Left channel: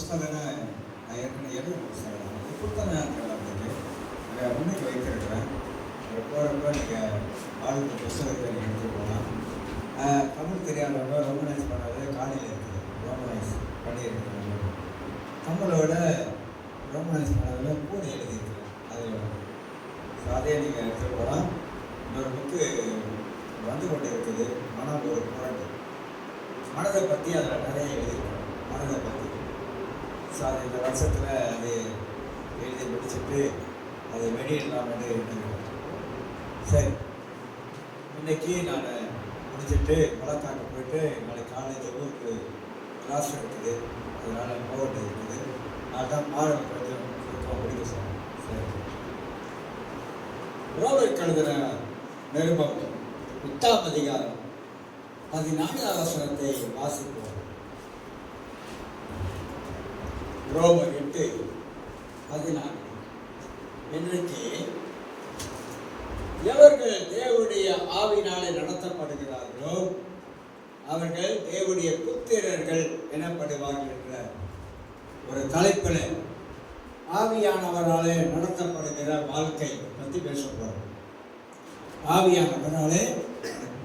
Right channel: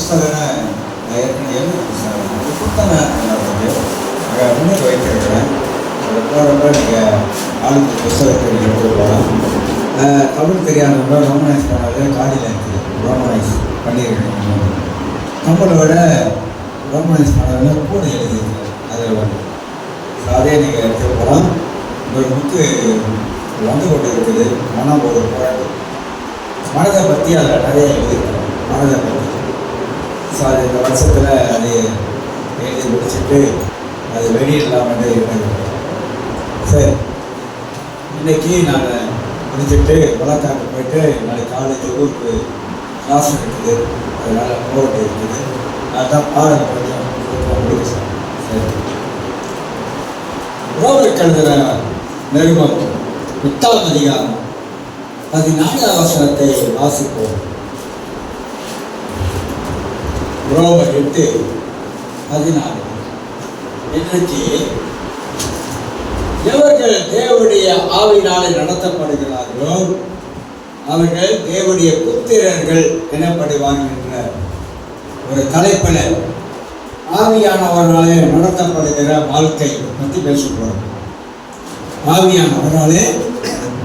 புஸ்தகம்னா நான் ஏற்கனவே எழுத புஸ்தகம் அது புத்தகம் முன்னுக்கு வைத்திருக்கிறேன். அது போகிறப்ப நீங்கள் ஆளுக்கு புஸ்தகத்தை எடுத்துகிட்டு போகலாம். தமிழ் தெரியாதவங்க ரோமனைஸ் பண்ணாலே காலையில் இருக்குது. ரோமனைஸ் பண்ணியிருக்கேன். தமிழோட ரோமனைஸ் பண்ணாலே கூட எழுதியிருக்கேன். அதில் வந்து அதே நீங்கள் எடுத்துகிட்டு போகலாம். ஒரு புக்கு வந்து கொண்டு இருக்குது. மனம் ஒரு குழந்தை மனதை பற்றி அதில் நிறைய எழுதியிருக்கேன். மனதை பற்றி ஸோ அது இந்த வருஷத்தில் அது எழுதி முடிச்சுட்டு அது வெளியிடலாமே இருந்தது. சரி, இன்றைக்கி நான் முடிச்சுட்டு வழக்காக்கு போயிட்டு நாளைக்கு காலேஜ் ஊருக்கு கிளாஸ் இருக்குது. அதனால் போட்டு இருக்குது. அதுதான் பாடம் கொஞ்சம் முடிக்க. சரி, ரோமருக்கு எழுதுகிற நிருபம் 8ஆம் அதிகாரம் 14ஆம் வசனத்தை வாசிப்போம். ரோமர் 8:14. இன்றைக்கு எவர்கள் தேவனுடைய ஆவியினாலே நடத்தப்படுகிறார்களோ அவர்கள் தேவனுடைய புத்திரர்கள் எனப்படுவார்கள் என்ற ஒரு தலைப்பில் ஆவியானவராலே நடத்தப்படுகிற வாழ்க்கை பற்றி பேசுகிறோம். ஆவியானவராலே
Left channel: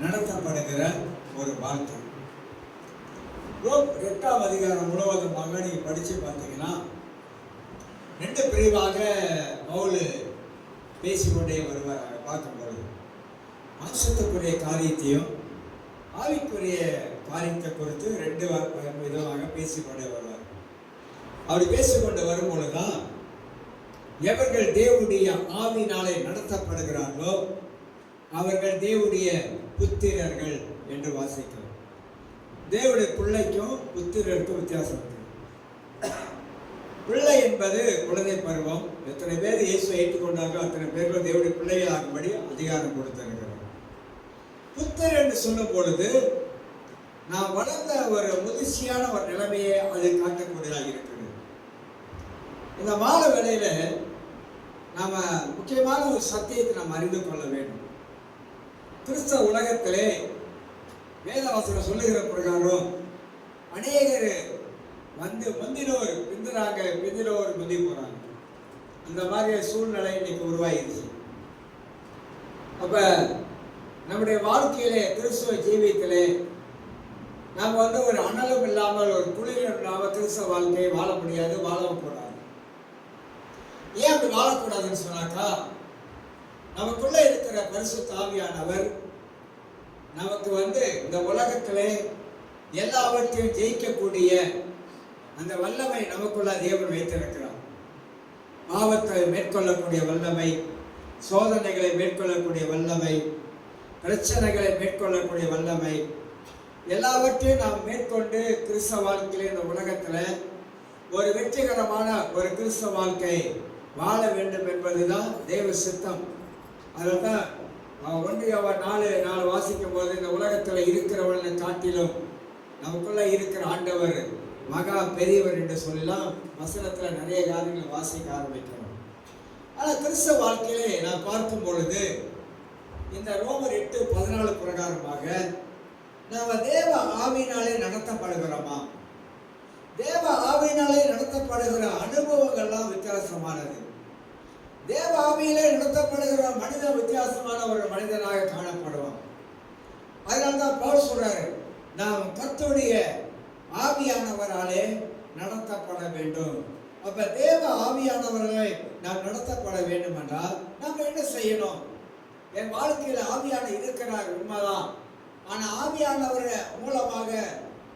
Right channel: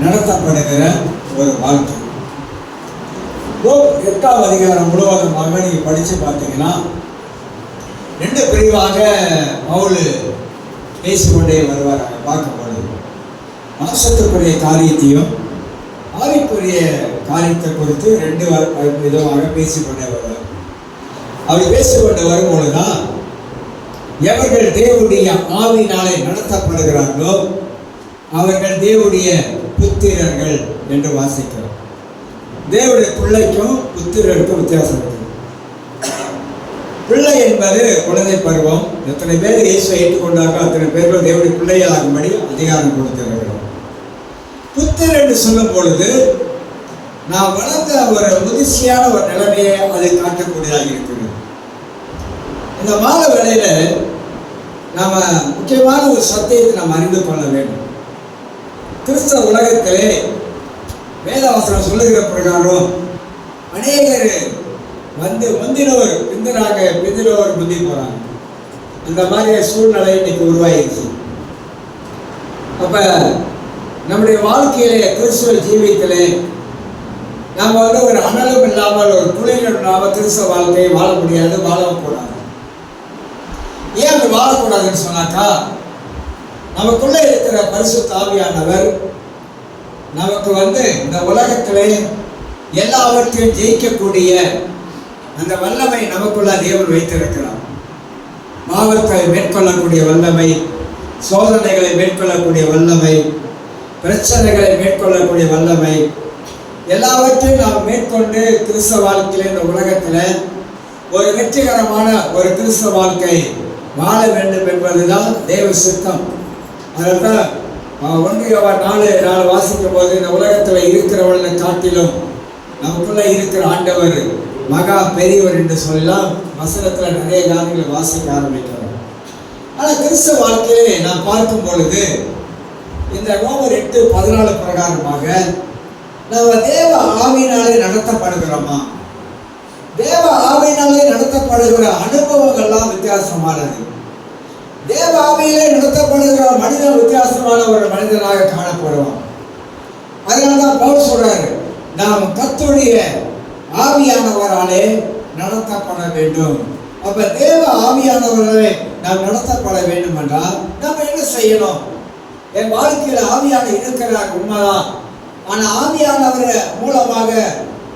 நடத்தப்படுகிற ஒரு வாழ்க்கை. 8ஆம் அதிகாரம் முழுவதுமாக நீங்கள் படித்து பார்த்தீங்கன்னா 2 பிரிவாக பவுல் பேசிக்கொண்டே வருவார். பார்க்கும்பொழுது மாம்சத்துக்குரிய காரியத்தையும் ஆவிக்குரிய காரியத்தை குறித்து 2 விதமாக பேசிக்கொண்டே வருவார். அப்படி பேசிக்கொண்டு வரும்பொழுதுதான் எவர்கள் தேவனுடைய ஆவியினாலே நடத்தப்படுகிறார்களோ அவர்கள் தேவனுடைய புத்திரர்கள் என்று வாசிக்கிறோம். தேவனுடைய பிள்ளைக்கும் புத்திரருக்கும் வித்தியாசம் இருக்கு. பிள்ளை என்பது குழந்தை பருவம். எத்தனை பேர் இயேசுவை ஏற்றுக்கொண்டார்களோ அத்தனை பேர்கள் தேவனுடைய பிள்ளையாகும்படி அதிகாரம் கொடுத்திருக்கிறோம். புத்திரர் என்று சொல்லும் பொழுது நாம் வளர்ந்த ஒரு முதிர்ச்சியான ஒரு நிலைமையை அதை காட்டக்கூடியதாக இருக்கிறது. இந்த மாத வேளையில நாம முக்கியமான ஒரு சத்தியத்தை நாம் அறிந்து கொள்ள வேண்டும். கிறிஸ்தவ உலகத்திலே வேதவசனம் சொல்லுகிற பிரகாரம் அநேகர் வந்து முந்தினவர் பிந்தினாங்க, பிந்தினவர் முந்தி போறாங்க. அந்த மாதிரி சூழ்நிலை இன்னைக்கு உருவாயிருச்சு. அப்ப நம்முடைய வாழ்க்கையிலே கிறிஸ்துவ ஜீவியத்திலே நாம் வந்து ஒரு அனலும் இல்லாமல் ஒரு குளிரும் இல்லாமல் கிறிஸ்தவ வாழ்க்கையை வாழ முடியாது, வாழவும் கூடாது. ஏன் அப்படி வாழக்கூடாதுன்னு சொன்னாக்கா, நமக்குள்ளே இருக்கிற பரிசுத்த ஆவியானவர் நமக்கு வந்து இந்த உலகத்திலே எல்லாவற்றையும் ஜெயிக்கக்கூடிய அந்த வல்லமை நமக்குள்ள தேவன் வைத்திருக்கிறார். பாவத்தை மேற்கொள்ளக்கூடிய வல்லமை, சோதனைகளை மேற்கொள்ளக்கூடிய வல்லமை, பிரச்சனைகளை மேற்கொள்ளக்கூடிய வல்லமை, எல்லாவற்றையும் நாம் மேற்கொண்டு கிறிஸ்தவ வாழ்க்கையில் இந்த உலகத்தில் ஒரு வெற்றிகரமான ஒரு கிறிஸ்தவ வாழ்க்கை வாழ வேண்டும் என்பதுதான் தேவ சித்தம். அதனால்தான் 1 யோவான் 4:4 வாசிக்கும் போது இந்த உலகத்தில் இருக்கிறவர்களை காட்டிலும் நமக்குள்ள இருக்கிற ஆண்டவர் மகா பெரியவர் என்று சொல்லலாம். வசனத்தில் நிறைய காரியங்களை வாசிக்க ஆரம்பிக்கிறோம். ஆனால் கிறிஸ்தவ வாழ்க்கையிலே நாம் பார்க்கும் பொழுது இந்த ரோமர் 8:14 பிரகாரமாக நாம் தேவ ஆவியினாலே நடத்தப்படுகிறோமா? தேவ ஆவியினாலே நடத்தப்படுகிற அனுபவங்கள்லாம் வித்தியாசமானது. தேவ ஆவியிலே நடத்தப்படுகிற மனிதன் வித்தியாசமான ஒரு மனிதனாக காணப்படுவான். அதனால்தான் பவுல் சொல்றாரு, நாம் கர்த்தருடைய ஆவியானவராலே நடத்தப்பட வேண்டும். அப்ப தேவ ஆவியானவராலே நாம் நடத்தப்பட வேண்டும் என்றால் நாம் என்ன செய்யணும்? என் வாழ்க்கையில் ஆவியான இருக்கிறார் உண்மைதான். ஆனால் ஆவியானவர் மூலமாக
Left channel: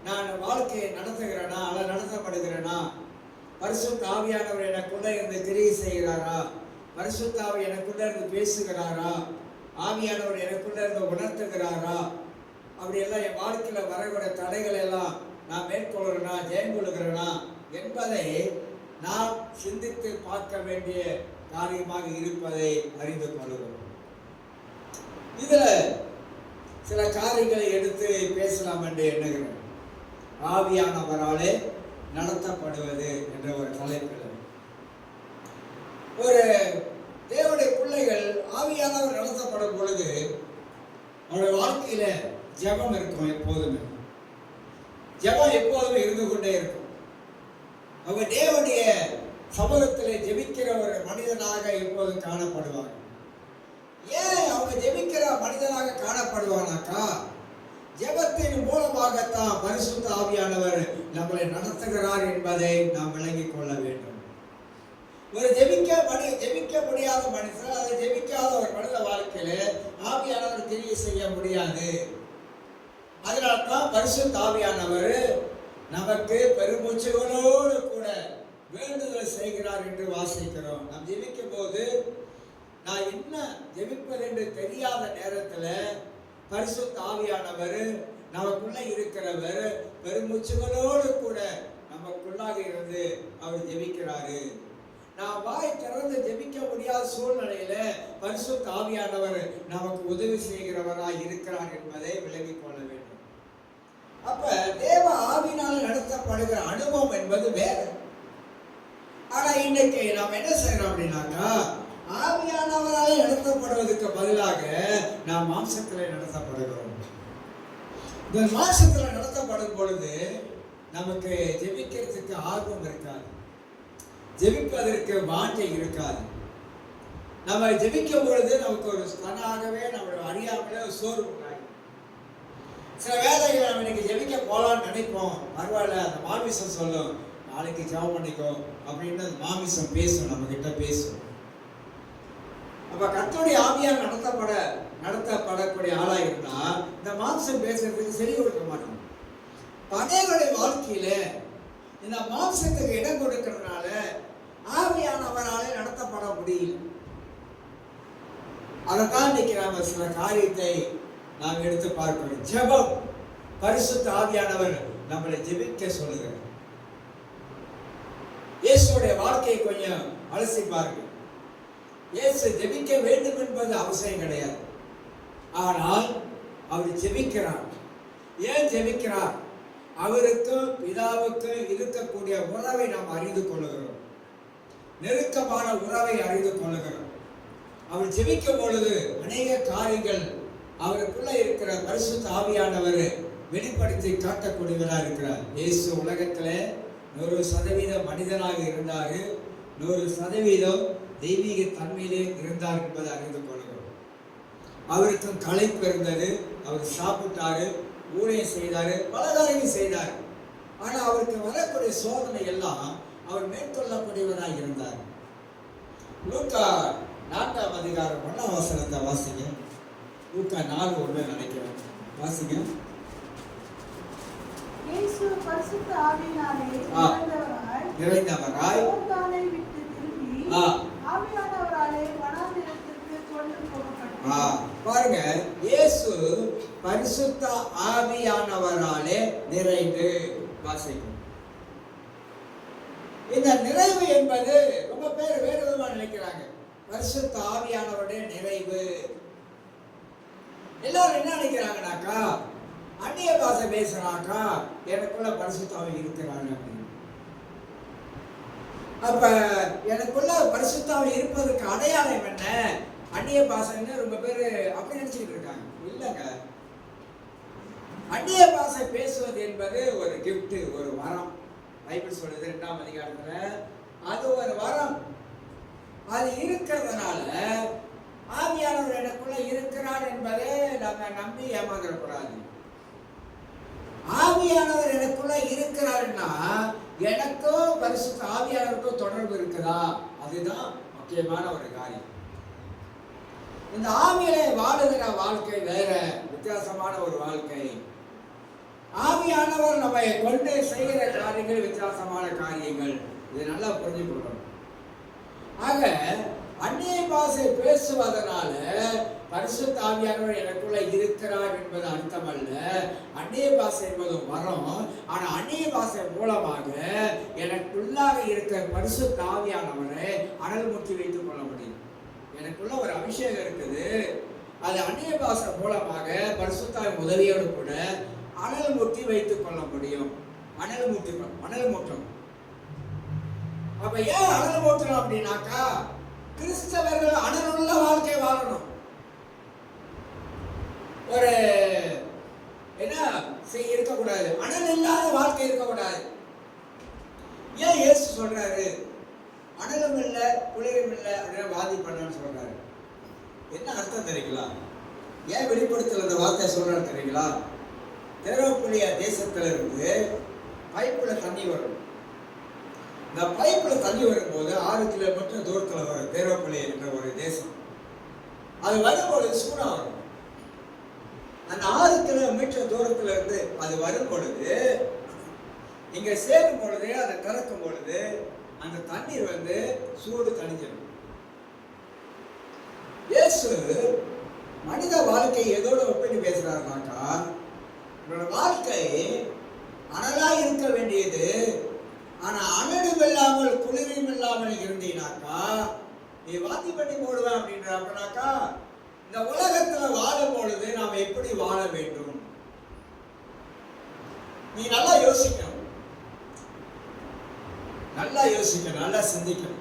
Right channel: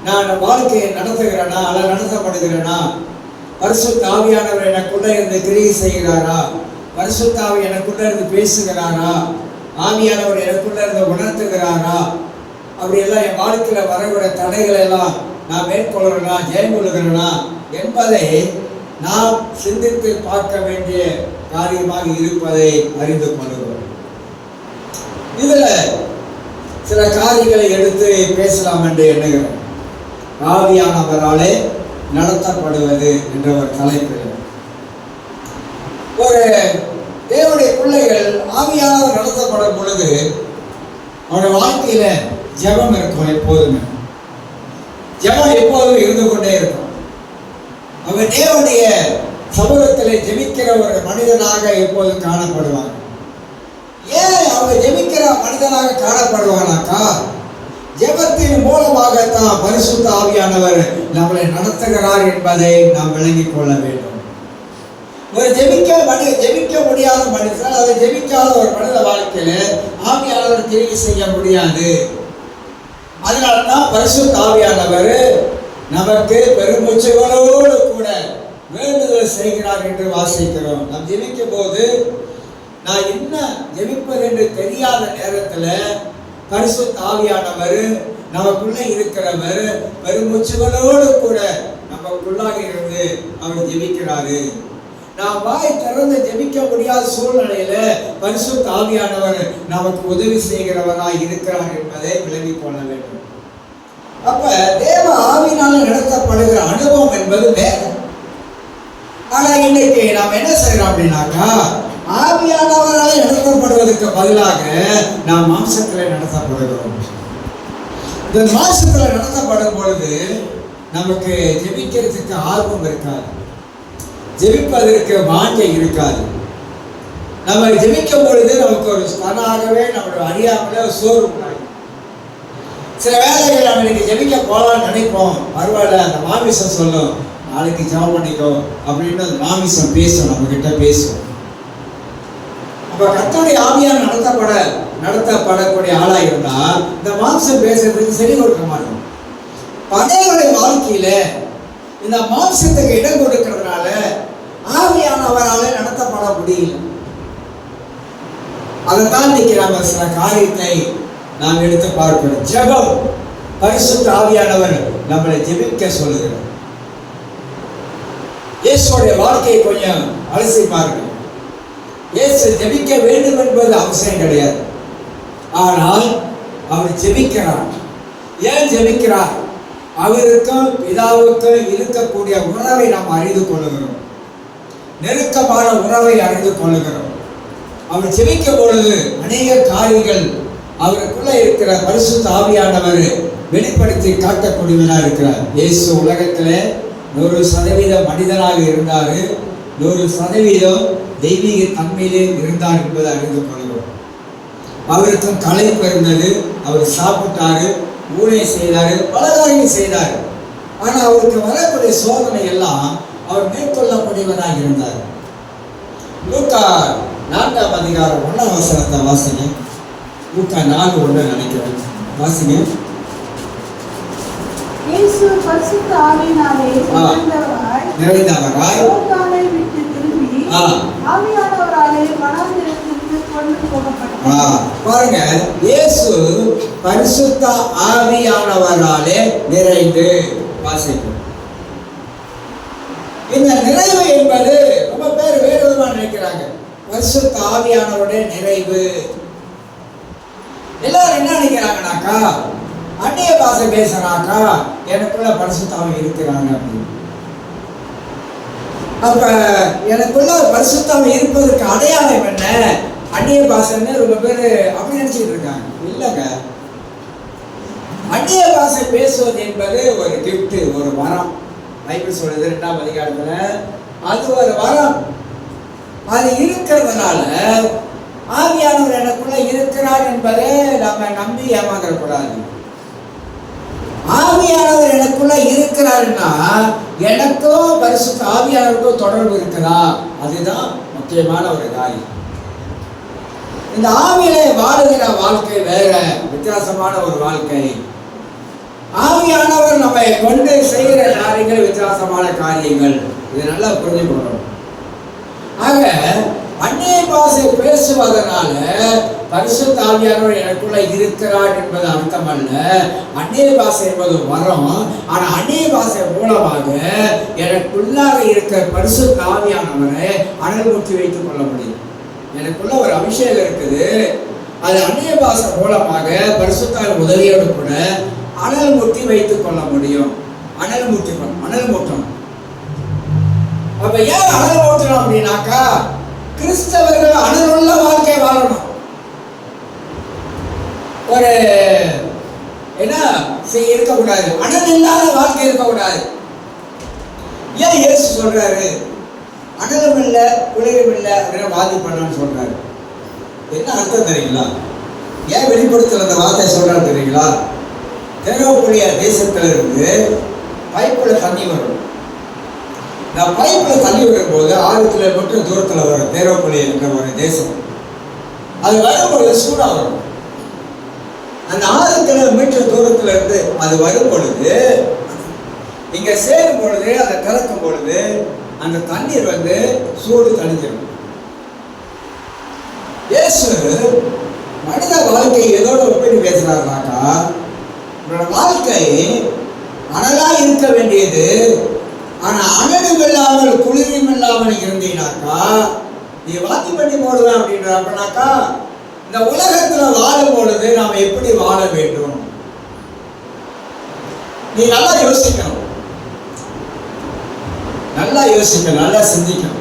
நான் வாழ்க்கையை நடத்துகிறேனா அல்ல நடத்தப்படுகிறேனா? பரிசுத்த ஆவியானவர் எனக்குள்ள இருந்து கிரியை செய்கிறாரா? பரிசுத்த ஆவி எனக்குள்ள இருந்து பேசுகிறாரா? ஆவியானவர் எனக்குள்ள இருந்து உணர்த்துகிறாரா? அப்படியெல்லாம் என் வாழ்க்கையில் வரக்கூடிய தடைகளை எல்லாம் நான் மேற்கொள்கிறேனா, ஜெயம் கொள்கிறேனா என்பதை நாம் சிந்தித்து பார்க்க வேண்டிய காரியமாக இருப்பதை அறிந்து கொள்கிறோம். இதில் சில காரியங்களை எடுத்து பேசலாம் என்று எண்ணுகிறேன். ஆவியானவராலே நடத்தப்படுவது என்ற ஒரு தலைப்பில் ஒரு தேவனுடைய பிள்ளைகள் ஆவியானவர் நடத்தப்படும் பொழுது அவருடைய வாழ்க்கையில ஜெபம் இருக்கும். எப்போதுமே ஜெபம் எப்போதும் இருந்து கொண்டே இருக்கும். அவன் தேவனுடைய சமூகத்தில் ஜெபிக்கிற ஒரு மனிதனாக எப்போதும் காணப்படுவாங்க. ஏன் அவங்க ஜெபிக்கிற மனிதனாக காணப்படுவானாக்கா, ஜெபத்தின் மூலமாகத்தான் பரிசுத்த ஆவியானவர் நம்மளை நடத்துகிறார் என்பதை நாம் விளங்கிக் கொள்ள வேண்டும். ஒரு ஜெபிக்க முடியாத மனிதன், அதை ஜெபிக்காத ஒரு மனித வாழ்க்கையில ஆவியானவர் கிரியை செய்ய முடியாது. அதனால்தான் பரிசுத்த ஆவியானவர் நமக்கு பெருமூச்சுகளோடு கூட வேண்டுதல் செய்கிறார் என்று வாசிக்கிறோம். நாம் ஜெபிக்கும் போது நான் என்ன ஜெபிப்பது என்று தெரியாத நேரத்தில் பரிசுத்த ஆவியானவர் நமக்குள்ள இருக்கிறவர் பெருமூச்சுகளோடு கூட நமக்குள்ளாக இருந்து அவர் ஜெபிக்கிறாரு. நாம் வாய் திறந்து ஜெபிக்க முடியாத சூழ்நிலையில பரிசுத்த ஆவியானவர் நமக்கு உதவி செய்கிறவராய் இருக்கிறார் என்பதை விளங்கிக் கொள்ள வேண்டும். அப்ப தேவ ஆவியினால் நடத்தப்படுகிற அனுபவம் என்பது வேறு. ஆனா இன்னைக்கு நாம் என்ன செய்யறோம் அப்படின்னாக்கா, ஆவியானவரால் நடத்தப்படுவதற்கு பதிலாக நாம் மாம்சத்தில் நடத்தப்படுகிறோம். இந்த மாம்சத்தில் நடத்தப்படும் பொழுது நமக்கு ஜெபிக்கிறதுக்கு ஆர்வம் இருக்காது, ஜெபிப்பதற்கு வாஞ்சை இருக்காது. நம்ம ஜெபிக்கும் பொழுது நமக்கு ஒரு தானாகவே நம்மளோட அறியாமலே சோறு உண்டாகும். சில வேலைகள் நம்ம இன்னைக்கு ஜெபிக்க போகலான்னு நினைப்போம், பரவாயில்ல அந்த மாமிசம் சொல்லும் நாளைக்கு ஜெபம் பண்ணிக்கோ அப்படின்னு அந்த மாமிசம் பேசும், நம்ம கிட்ட பேசும். அப்ப கர்த்தருடைய ஆவியால் நடத்தப்படக்கூடிய ஆளா இருந்தா இந்த மாம்சம் பேசுறதுக்கு சரி கொடுக்க மாட்டோம். படைகளுடைய வாழ்க்கையில இந்த மாம்சத்துக்கு இடம் கொடுக்கிறதுனால ஆவியானவரால் நடத்தப்பட முடியல. அதைத்தான் இன்னைக்கு நம்ம சில காரியத்தை நாம் எடுத்து பார்க்கிறோம். ஜெபம், பரிசுத்த ஆவியானவர் நம்மளை ஜெபிக்க சொல்லுகிறார். இயேசுடைய வாழ்க்கையை கொஞ்சம் அலசி பாருங்க. இயேசு ஜெபிக்க வேண்டும் என்பது அவசியம் கிடையாது, ஆனால் அவர் ஜெபிக்கிறார். ஏன் ஜெபிக்கிறார்? அவருக்கும் பிதாவுக்கும் இருக்கக்கூடிய உறவை நாம் அறிந்து கொள்ளுகிறோம், நெருக்கமான உறவை அறிந்து கொள்ளுகிறோம். அவர் ஜெபிக்கும் பொழுது அநேக காரியங்கள் அவருக்குள்ள இருக்கிற பரிசுத்த ஆவியானவர் வெளிப்படுத்தி காட்டக்கூடியவனாக இருக்கிறார். இயேசு உலகத்தில் 100% மனிதனாக இருந்தார், 100% தெய்வீக தன்மையிலே இருந்தார் என்பதை அறிந்து கொள்கிறோம். அவருக்கும் களைப்பு இருந்தது, அவர் சாப்பிட்டாரு, ஊழை செய்தாரு, பல காரியங்கள் செய்தார். ஆனால் அவருக்கு வரக்கூடிய சோதனை எல்லாம் அவர் மேற்கொள்ளக்கூடியவராக இருந்தார். லூக்கா 4ஆம் அதிகாரம் 1ஆம் வசனத்தை வாசிங்க. லூக்கா 4:1 நினைக்கிறேன், வாசிங்க. இயேசு பரிசுத்த ஆவியினாலே நிறைந்தவராய் யோர்தானை விட்டு திரும்பி ஆவியானவராலே வனாந்திரத்திற்கு கொண்டு போகப்பட்டார். பாருங்க, இயேசு பரிசுத்த ஆவியானவராலே நிறைந்து, வாசிக்கும். இந்த நிறைவு என்பது ரொம்ப பேர் வேறு விதமாக நினைக்கிறாங்க. பரிசுத்த ஆவியானவருடைய நிறைவு எல்லாரும் என்ன நினைக்கிறாங்கனாக்கா, அந்நிய பாஷை பேசுறாக்கா எனக்குள்ள பரிசுத்த ஆவி இருக்கிறாங்க அப்படின்னு. அப்ப எனக்குள்ள பரிசுத்த ஆவி இருப்பதற்கு அடையாளம் என்ன? அந்நிய பாஷைன்னு ரொம்ப பேர் அப்படி நினைச்சிட்டு இருக்காங்க. இல்லைங்க, அந்நிய பாஷை பேசுவது என்பது ஒரு கிஃப்ட், ஒரு வரம். பைபிள் சொல்றது 2ஆம் அதிகாரத்துல அது ஒரு வரம். அது இருக்கிறதுனால ஆவியானவர் எனக்குள்ள இருக்கிறார் என்பதை நம்ம நம்பி ஏமாந்துடக்கூடாது. ஆவியானவர் எனக்குள்ள இருக்கிறாருன்னா எனக்கும் பரிசுத்த ஆவியானவருக்கும் தொடர்பு இருக்குதா? அதுதான் முக்கியமான ஒரு காரியம். இந்த ஆவியிலே வாழுகிற வாழ்க்கை வேற, வித்தியாசமான ஒரு வாழ்க்கை. ஆவியானவர் நம்மை கொண்டு செய்கிற காரியங்கள் வித்தியாசமான காரியங்கள். இதை நல்லா புரிஞ்சுக்கணும். ஆக அந்நிய பாஷை பேசுவதனால பரிசுத்த ஆவியானவர் எனக்குள்ள இருக்கிறார் என்பது அர்த்தம் அல்ல. அந்நிய பாஷை என்பது வரும். ஆனா அந்நிய பாஷை மூலமாக எனக்குள்ளாக இருக்கிற பரிசுத்த ஆவியானவரை அனல் மூட்டி வைத்துக் கொள்ள முடியும். எனக்குள்ள ஒரு அபிஷேகம் இருக்குது, அது அந்நிய பாஷை மூலமாக பரிசுத்த உதவியோடு கூட அனல் மூட்டி வைத்துக் கொள்ள முடியும். அனல் மூட்டணும். அப்ப ஏன் அனல் மூட்டணும் அப்படின்னாக்கா, கிறிஸ்தவர்கள் அனலுள்ள வாழ்க்கை வாழணும். ஒரு என்ன இருக்கக்கூடாது, அனல் இல்லாத வாழ்க்கை இருக்கக்கூடாது. ஏன் இயேசு சொல்றாரு, அனலும் இல்லை குளிரும் இல்லை அப்படின்னு வாதி பண்ணான்னு சொல்றாரு. என்ன அர்த்தம் தெரியுங்களா? ஏன் வெளிப்படுத்தல அந்த வார்த்தை சொல்றாரு தெரியுங்களா? தேரோபொழிய தேசத்துல இருந்து பைப்புல தண்ணி வரும். நான் பைப்புல தண்ணி வரும்போது 6 கிலோமீட்டர் தூரத்துல வரும் தேரோபொழிய என்ற ஒரு தேசம். அது வரும்பொழுது சூடா வரும். அந்த 6 கிலோமீட்டர் தூரத்துல இருந்து அது வரும் பொழுது, இங்க சேரும் பொழுது, அதை கலக்கும் பொழுது அந்த தண்ணீர் வந்து சூடு தணிஞ்சிடும். இயேசு மனித வாழ்க்கை எதோட ஒப்பிட்டு பேசுறாருனாக்கா, உங்களோட வாழ்க்கை அனலா இருக்க வேண்டியது, ஆனா அனலும் இல்லாமல் குளிரும் இல்லாமல் இருந்தீங்கனாக்கா நீ வாத்தி பண்ணி போடுவேன் அப்படின்னாக்கா, இந்த உலகத்துல வாழும் பொழுது நாம எப்படி வாழ வேண்டும்? நீ நல்லா யோசிக்கணும், நல்லா யோசிக்கணும், நல்லா சிந்திக்கணும்.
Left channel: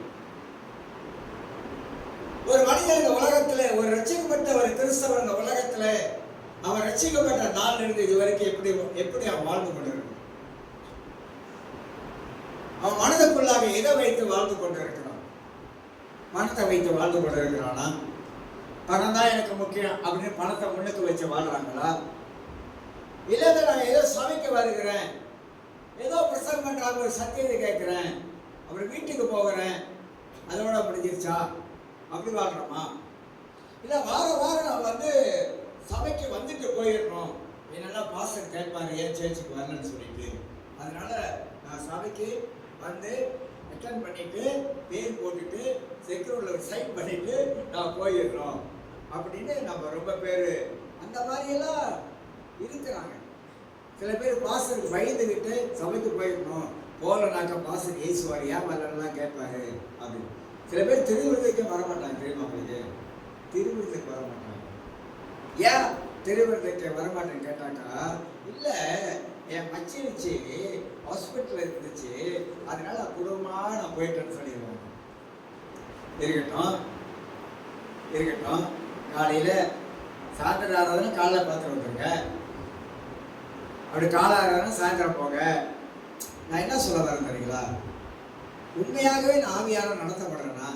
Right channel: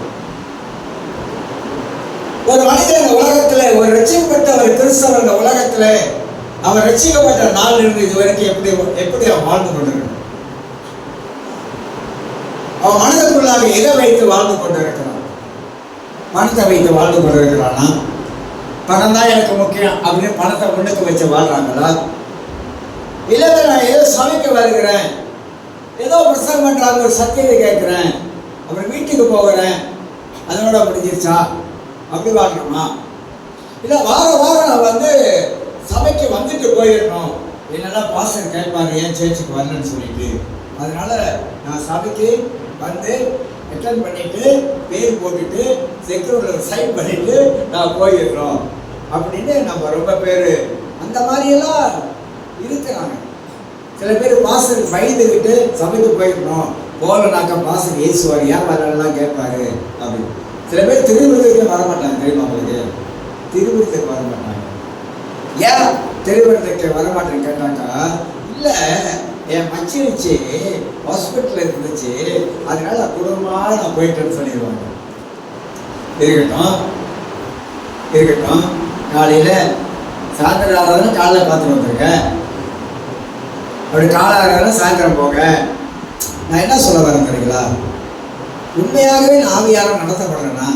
ஒரு மனிதன் இந்த உலகத்துல, ஒரு ரட்சிக்கப்பட்ட ஒரு கிறிஸ்தவர் இந்த உலகத்துல அவன் ரட்சிக்கப்பட்ட நாள் இருந்து இது வரைக்கும் எப்படி அவன் வாழ்ந்து கொண்டிருக்கிறான்? அவன் மனதுக்குள்ளாக எதை வைத்து வாழ்ந்து கொண்டிருக்கிறான்? பணத்தை வைத்து வாழ்ந்து கொண்டிருக்கிறானா? பணம் தான் எனக்கு முக்கியம் அப்படின்னு பணத்தை முன்னுக்கு வச்சு வாழ்றாங்களா? இல்லை நான் ஏதோ சமைக்க வருகிறேன், ஏதோ பிரசங்கம் பண்றாங்க, ஒரு சத்தியத்தை கேட்கிறேன், அப்புறம் வீட்டுக்கு போகிறேன், அதோட முடிஞ்சிருச்சா அப்படி வாழ்றோமா? இல்லை வாரம் நான் வந்து சபைக்கு வந்துட்டு போயிடணும், என்னென்னா பாஸ்டர் கேட்பாங்க ஏன் சேர்ச்சுக்கு வரலன்னு சொல்லிட்டு, அதனால நான் சபைக்கு வந்து அட்டெண்ட் பண்ணிட்டு பேர் போட்டுட்டு செக்யூரிட்டியில் சைன் பண்ணிட்டு நான் போயிடுறோம் அப்படின்னு நம்ம ரொம்ப பேர் அந்த மாதிரியெல்லாம் இருக்கிறாங்க. சில பேர் பாஸ்டருக்கு பயந்துக்கிட்டு சபைக்கு போயிடணும், போகலனாக்கா பாஸ்டர் ஏசுவார், ஏன் வரலாம் கேட்பாரு அப்படின்னு. சில பேர் திருவிருந்துக்கு வரமாட்டாங்க, தெரியுமா உங்களுக்கு? திருவிருந்துக்கு வரமாட்டாங்க. ஏன் திருவிருந்துக்கு வரமாட்டேன்னு கேட்டாக்கா, இல்லை என் மச்சி வச்சு ஹாஸ்பிட்டலில் இருந்துச்சு, அதனால குடும்பமாக நான் போயிட்டேன்னு சொல்லிடுவாங்க. இருக்கட்டும், காலையில் சாயந்தரம் ஆறாவது காலையில் பார்த்துட்டு வந்துருங்க, அப்படி காலை சாயந்தரம் போங்க. நான் என்ன சொல்ல வரேன் தெரியுங்களா? உண்மையாகவே நான் ஆவியாரம் நடத்தப்படுறேன்னா,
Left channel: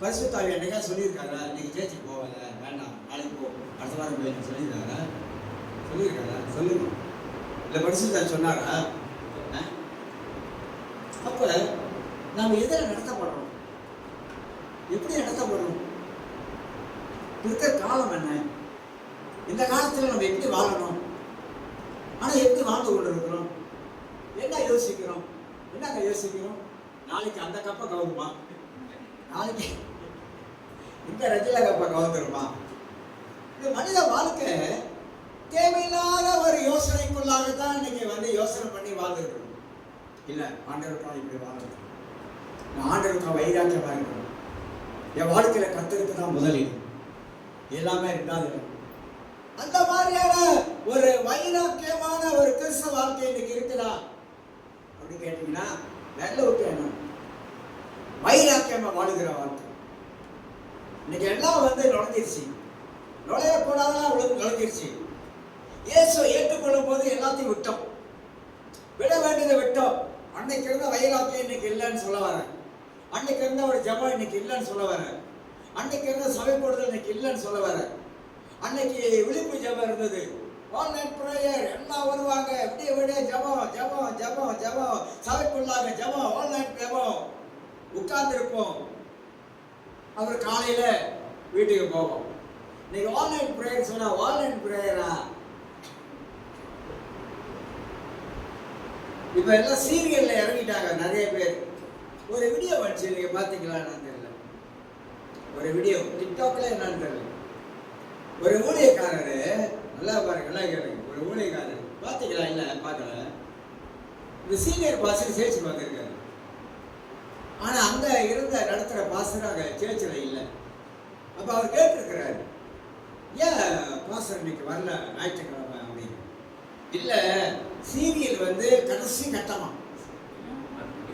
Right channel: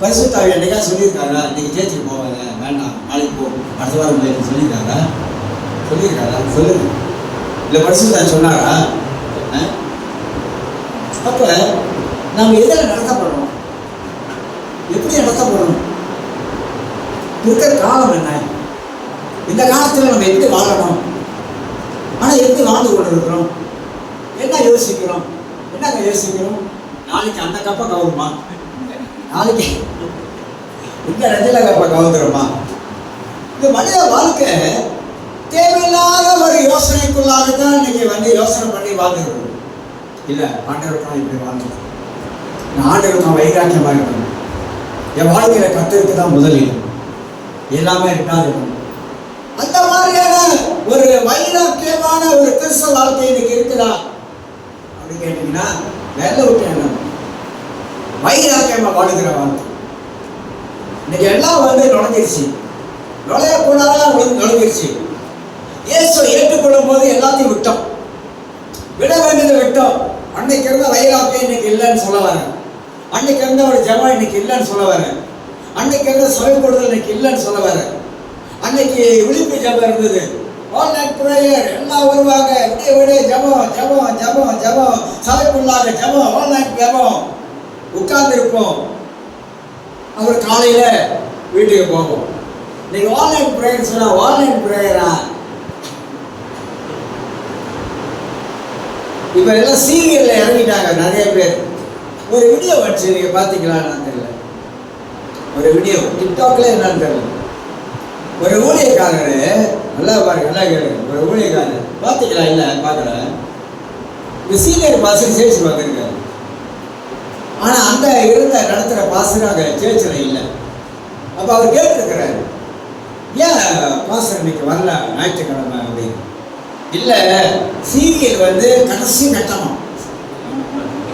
பரிசுத்த ஆவி என்னைக்கா சொல்லியிருக்காரா இன்னைக்கு சேர்ச்சுக்கு போவாங்க, வேண்டாம் நாளைக்கு போ, அடுத்த வாரம் போயிட்டு சொல்லியிருக்காரா? சொல்லுங்க. இல்லை பரிசுத்த சொன்னாரா? அப்போ நம்ம எதில் நடத்தப்படுறோம்? எப்படி நடத்தப்படுறோம்? இருக்கிற காலம் என்ன? இந்த காலத்தில் நம்ம எப்படி வாழணும்? ஆனால் எப்படி வாழ்ந்து கொண்டு இருக்கிறோம்? என்னங்க யோசிக்கிறோம்? நாளைக்கு அந்த கப்பை கவுருமா? நாளைக்கு இந்த ரஜில கப்பை கவுந்துருமா? இந்த மனித வாழ்க்கை தேவையில்லாத ஒரு யோசனைக்குள்ளாகத்தான் இன்னைக்கு வந்து யோசனை பண்ணி வாழ்ந்துருக்கணும். இல்லை, ஆண்டவருக்காக இப்படி வாழ்ந்துருக்கணும், நான் ஆண்டவருக்காக வைராக்கியமாக இருக்கணும், என் வாழ்க்கையில கத்தருக்கு தான் முதலில், எல்லாமே இருக்காது. அந்த மாதிரியான ஒரு வைராக்கியமான ஒரு கிறிஸ்தவ வாழ்க்கை இன்னைக்கு இருக்குதா அப்படின்னு கேட்டீங்கன்னா, வேலை விட்டு என்ன வைராக்கியமா வாழுகிற வாழ்க்கை இன்னைக்கு எல்லாம் வந்து நுழைஞ்சிருச்சு, நுழையக்கூடாதான் நுழைஞ்சிருச்சு. இயேசு ஏற்றுக்கொள்ளும் போது எல்லாத்தையும் விட்டோம், விட வேண்டியதை விட்டோம். அன்னைக்கு இருந்த வைராக்கியம் இன்னைக்கு இல்லைன்னு சொல்ல வரேன், அன்னைக்கு இருந்த ஒரு ஜெபம் இன்னைக்கு இல்லைன்னு சொல்ல வரேன், அன்னைக்கு இருந்த சபை கொடுதல் இன்னைக்கு இல்லைன்னு சொல்ல வரேன். அன்னைக்கு விழிப்பு ஜெபம் இருந்தது, ஆல் நைட் பிரேயர், எல்லாம் வருவாங்க, விடிய ஜெபம், சபைக்குள்ளாக ஜெபம், ஆல் நைட் ஜெபம், உட்கார்ந்துருப்போம், அப்புறம் காலையில வீட்டுக்கு போவோம். இன்னைக்கு ஆல் நைட் பிரேயர் சொன்னா ஆல் நைட் பிரேயரா? இப்ப எல்லாம் சீரியல்ல இறங்கிட்டாங்க நிறைய பேர். ஒரு வீடியோ வந்துச்சு, நீங்க பாத்தீங்களான்னு தெரியல, ஒரு வீடியோ டிக்டாக்ல என்னன்னு தெரியல. ஒரு ஊழியக்காரரு, நல்லா பாருங்க, நல்லா கேளுங்க, ஒரு ஊழியக்காரர் பாத்தீங்களா? இல்ல பாக்கல. இந்த சீனியர் பாஸ்டர் சேர்ச்சுக்கு வந்திருக்காரு, ஆனா அந்த நடத்துற பாஸ்டர் அங்க சேர்ச்சில் இல்லை. அப்ப அவர் கேட்டிருக்கிறாரு, ஏன் பாஸ்டர் இன்னைக்கு வரல ஞாயிற்றுக்கிழமை அப்படின்னு. இல்ல, சீரியல் வந்து கடைசி கட்டணம்.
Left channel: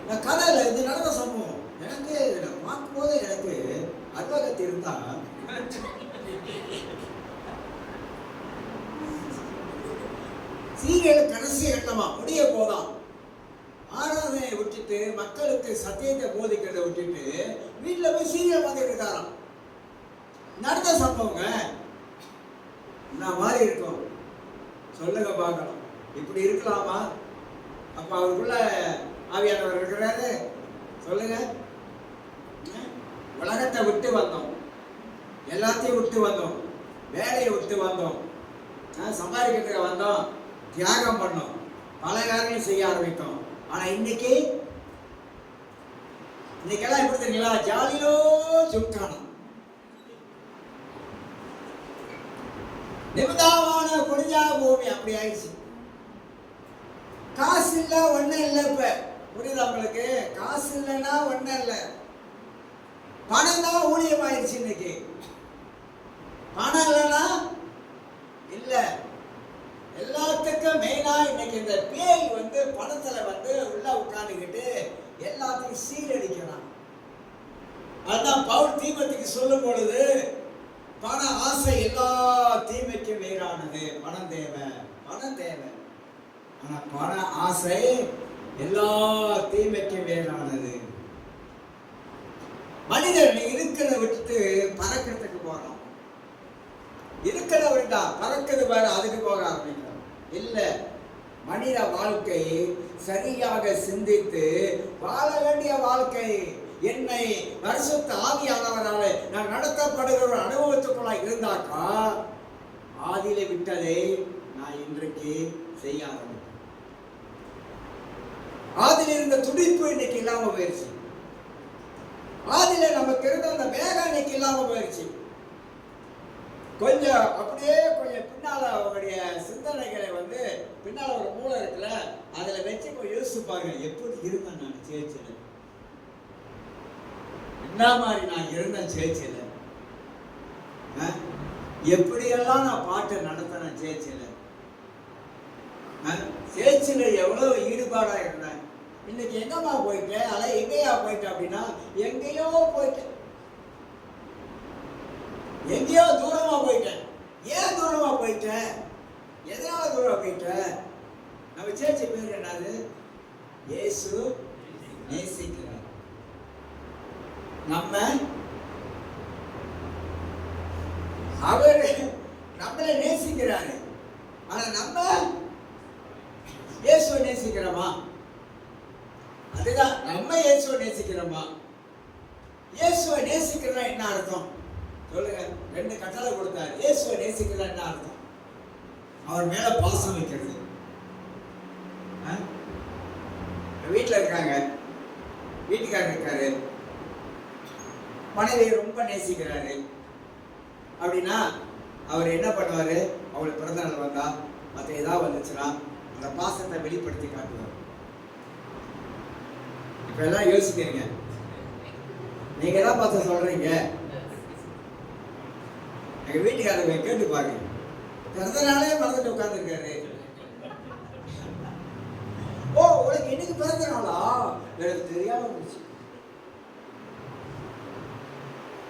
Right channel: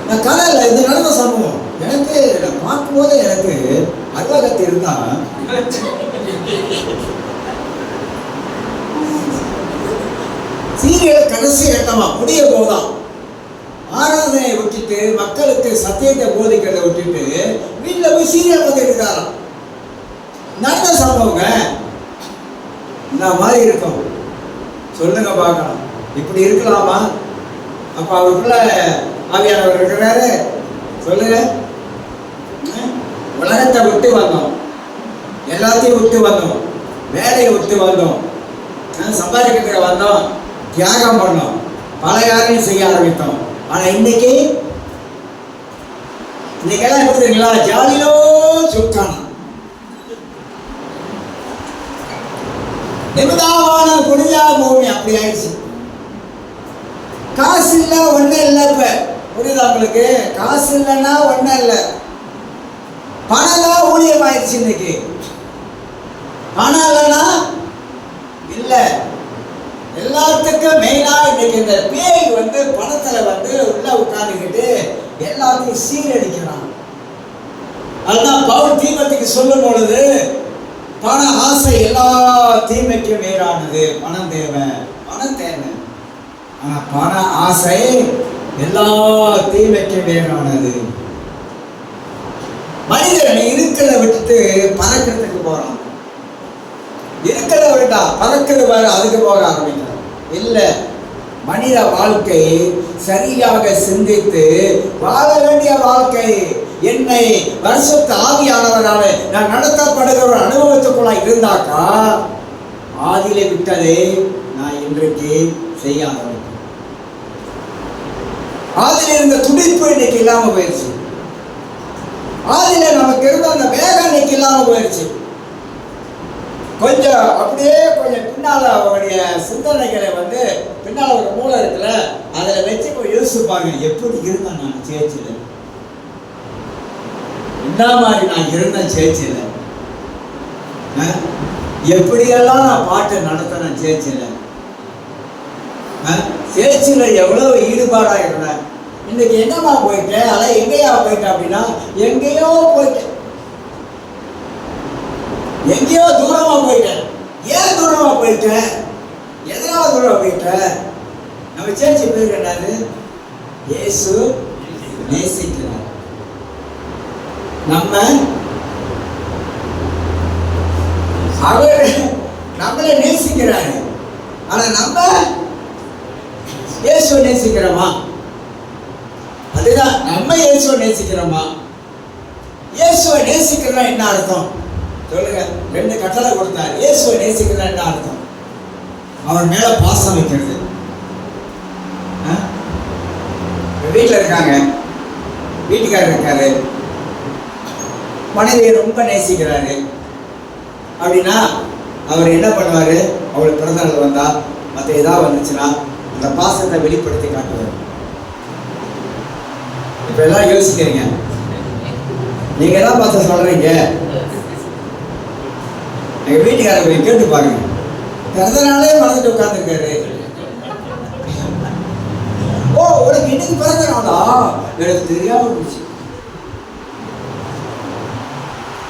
நான் கதையில் இது நடந்த சம்பவம் எனக்கு நான் பார்க்கும்போது எனக்கு அருவகத்து இருந்தா, சீரியல் கடைசி கட்டமா முடிய போதான் ஆராதனை விட்டுட்டு விட்டுட்டு மக்களுக்கு சத்தியத்தை போதிக்கிறத விட்டுட்டு வீட்டுல போய் சீரியல் பார்த்து எடுத்தாராம். நடந்த சம்பவங்க. இந்த மாதிரி இருக்கும். சொல்லுங்க பார்க்கலாம். இப்படி இருக்கலாமா? அப்ப அவருக்குள்ள ஆவியானவர் இருக்கிறாரு. சொல்லுங்க. உலகத்தை விட்டு வந்தோம், எல்லாத்தையும் விட்டு வந்தோம், வேலையை விட்டு வந்தோம், சம்பாதிக்கிறதுக்கு வந்தோம், தியாகம் பண்ணோம், பல காரியம் செய்ய ஆரம்பித்தோம். ஆனா இன்னைக்கெல்லாம் எப்படி தெரியுங்களா? ஜாலியோ சுக்கானம், நிமிதாவான புனிதா பூமி அப்படி ஆயிடுச்சு. காசு இல்ல ஒன்றும் இல்லை. இப்ப புரியுதா உங்களுக்கு? காசு இல்லைன்னா ஒன்றும் இல்லை. பணம் தான் ஊழியம் ஆயிடுச்சு. இன்னைக்கு பணம் இல்லைன்னா இல்லை. எல்லாத்துக்கும் மெயினா இன்னைக்கு இந்த பேய் பணத்துல உள்ள உட்கார்ந்துக்கிட்டு எல்லாத்தையும் சீரடிக்கிறான். அதுதான் பவுல் தீமோத்தேயுக்கு சொல்லும் பொழுது, பண ஆசை எல்லா தீமைக்கும் மேலானது. பணம் தேவை, பணம் தேவை. ஆனா பண ஆசை எல்லா தீமைக்கும் மேலானது. மனிதன் இருக்கிறத விட்டுட்டு பறக்கிறதுக்கு போறான். இருக்கிறத விட்டா பறக்கிறது வர அதுக்கு போக ஆரம்பிக்கிறான். இல்ல, மனித வாழ்க்கை சரியாக சிந்தித்து வாழ வேண்டிய வாழ்க்கை. என்னை பரிசுத்த ஆவியானவரால நான் நடத்தப்படுகிற ஒரு அனுபவத்துக்குள்ள இருந்தாக்கா ஆதியிலே விட்டதே நான் இன்றைக்கு செய்ய ஆரம்பிக்கிறேன். ஆதியில இருந்த துடிப்பு இன்னைக்கு இல்லாம போயிடுச்சு. ஆதியில நமக்கு இருந்த அந்த வேகம் இன்னைக்கு இல்லாம போயிடுச்சு. கொஞ்சம் அப்படியே கொஞ்சம் பின்னால அவருடைய சிந்தனைகளை பின்னால ஒரு மூளை இருக்குல்ல, அதுல வச்சு யோசிப்பாங்க. எப்படி இருந்தேன் நான் சேர்ச்சில, என்ன மாதிரி நான் இருந்தேன் சேர்ச்சில, எப்படியெல்லாம் நான் பாட்டை நடத்தினேன் சேர்ச்சில, சேர்ச்சில எவ்வளவு ஈடுபாடா இருந்தேன். இன்னைக்கு என்னமா போயிட்டேன், அதான் எங்கேயா போயிட்டேன் அப்படின்னா, எங்கேயோ போயிட்டேன், எங்கேயோ தூரமா போயிட்டேன். ஏன் தூரமா போயிட்டேன், எதனால தூரமா போயிட்டேன்? நம்ம சேர்ச்சி பேர் என்னது? இயேசு நேசிக்கிறார். அவர் நம்மளை நேசிக்கிறாரு. ஆனா நம்ம இயேசுவை நேசிக்கிறோமா? அதுதான், நம்ம இயேசுவை நேசிக்கிறோமா? இயேசுவை நேசிக்கிறதா என்ன அர்த்தம் சொல்லுங்க? 2 கட்டளை கொடுத்தார். இயேசுவை நேசிக்கிறதா என்ன அர்த்தம்? அவர் மேல பாசம் வைக்கிறது. வீட்டில் இருக்காங்க, வீட்டுக்காரர் இருக்காரு, மனைவியை ரொம்ப நேசிக்கிறாரு அப்படின்னா அவர் என்ன பண்ணுவாரு? அவளுக்கு பிறந்த நாள் வந்தா, மற்ற ஏதாவது வந்துச்சுன்னா அந்த பாசத்தை வெளிப்படுத்தி காட்டுவார். இப்ப எல்லாம் யோசிக்கிறீங்க, நீங்க எல்லாம் பார்த்து சொல்றீங்க. எங்க வீட்டுக்காரர் கேட்டு பாருங்க, பிறந்த நாளே மறந்துட்டு உட்கார்ந்துருக்காரு. ஓ, உனக்கு இன்னைக்கு பிறந்த நாளா? எனக்கு தெரியாம போச்சு.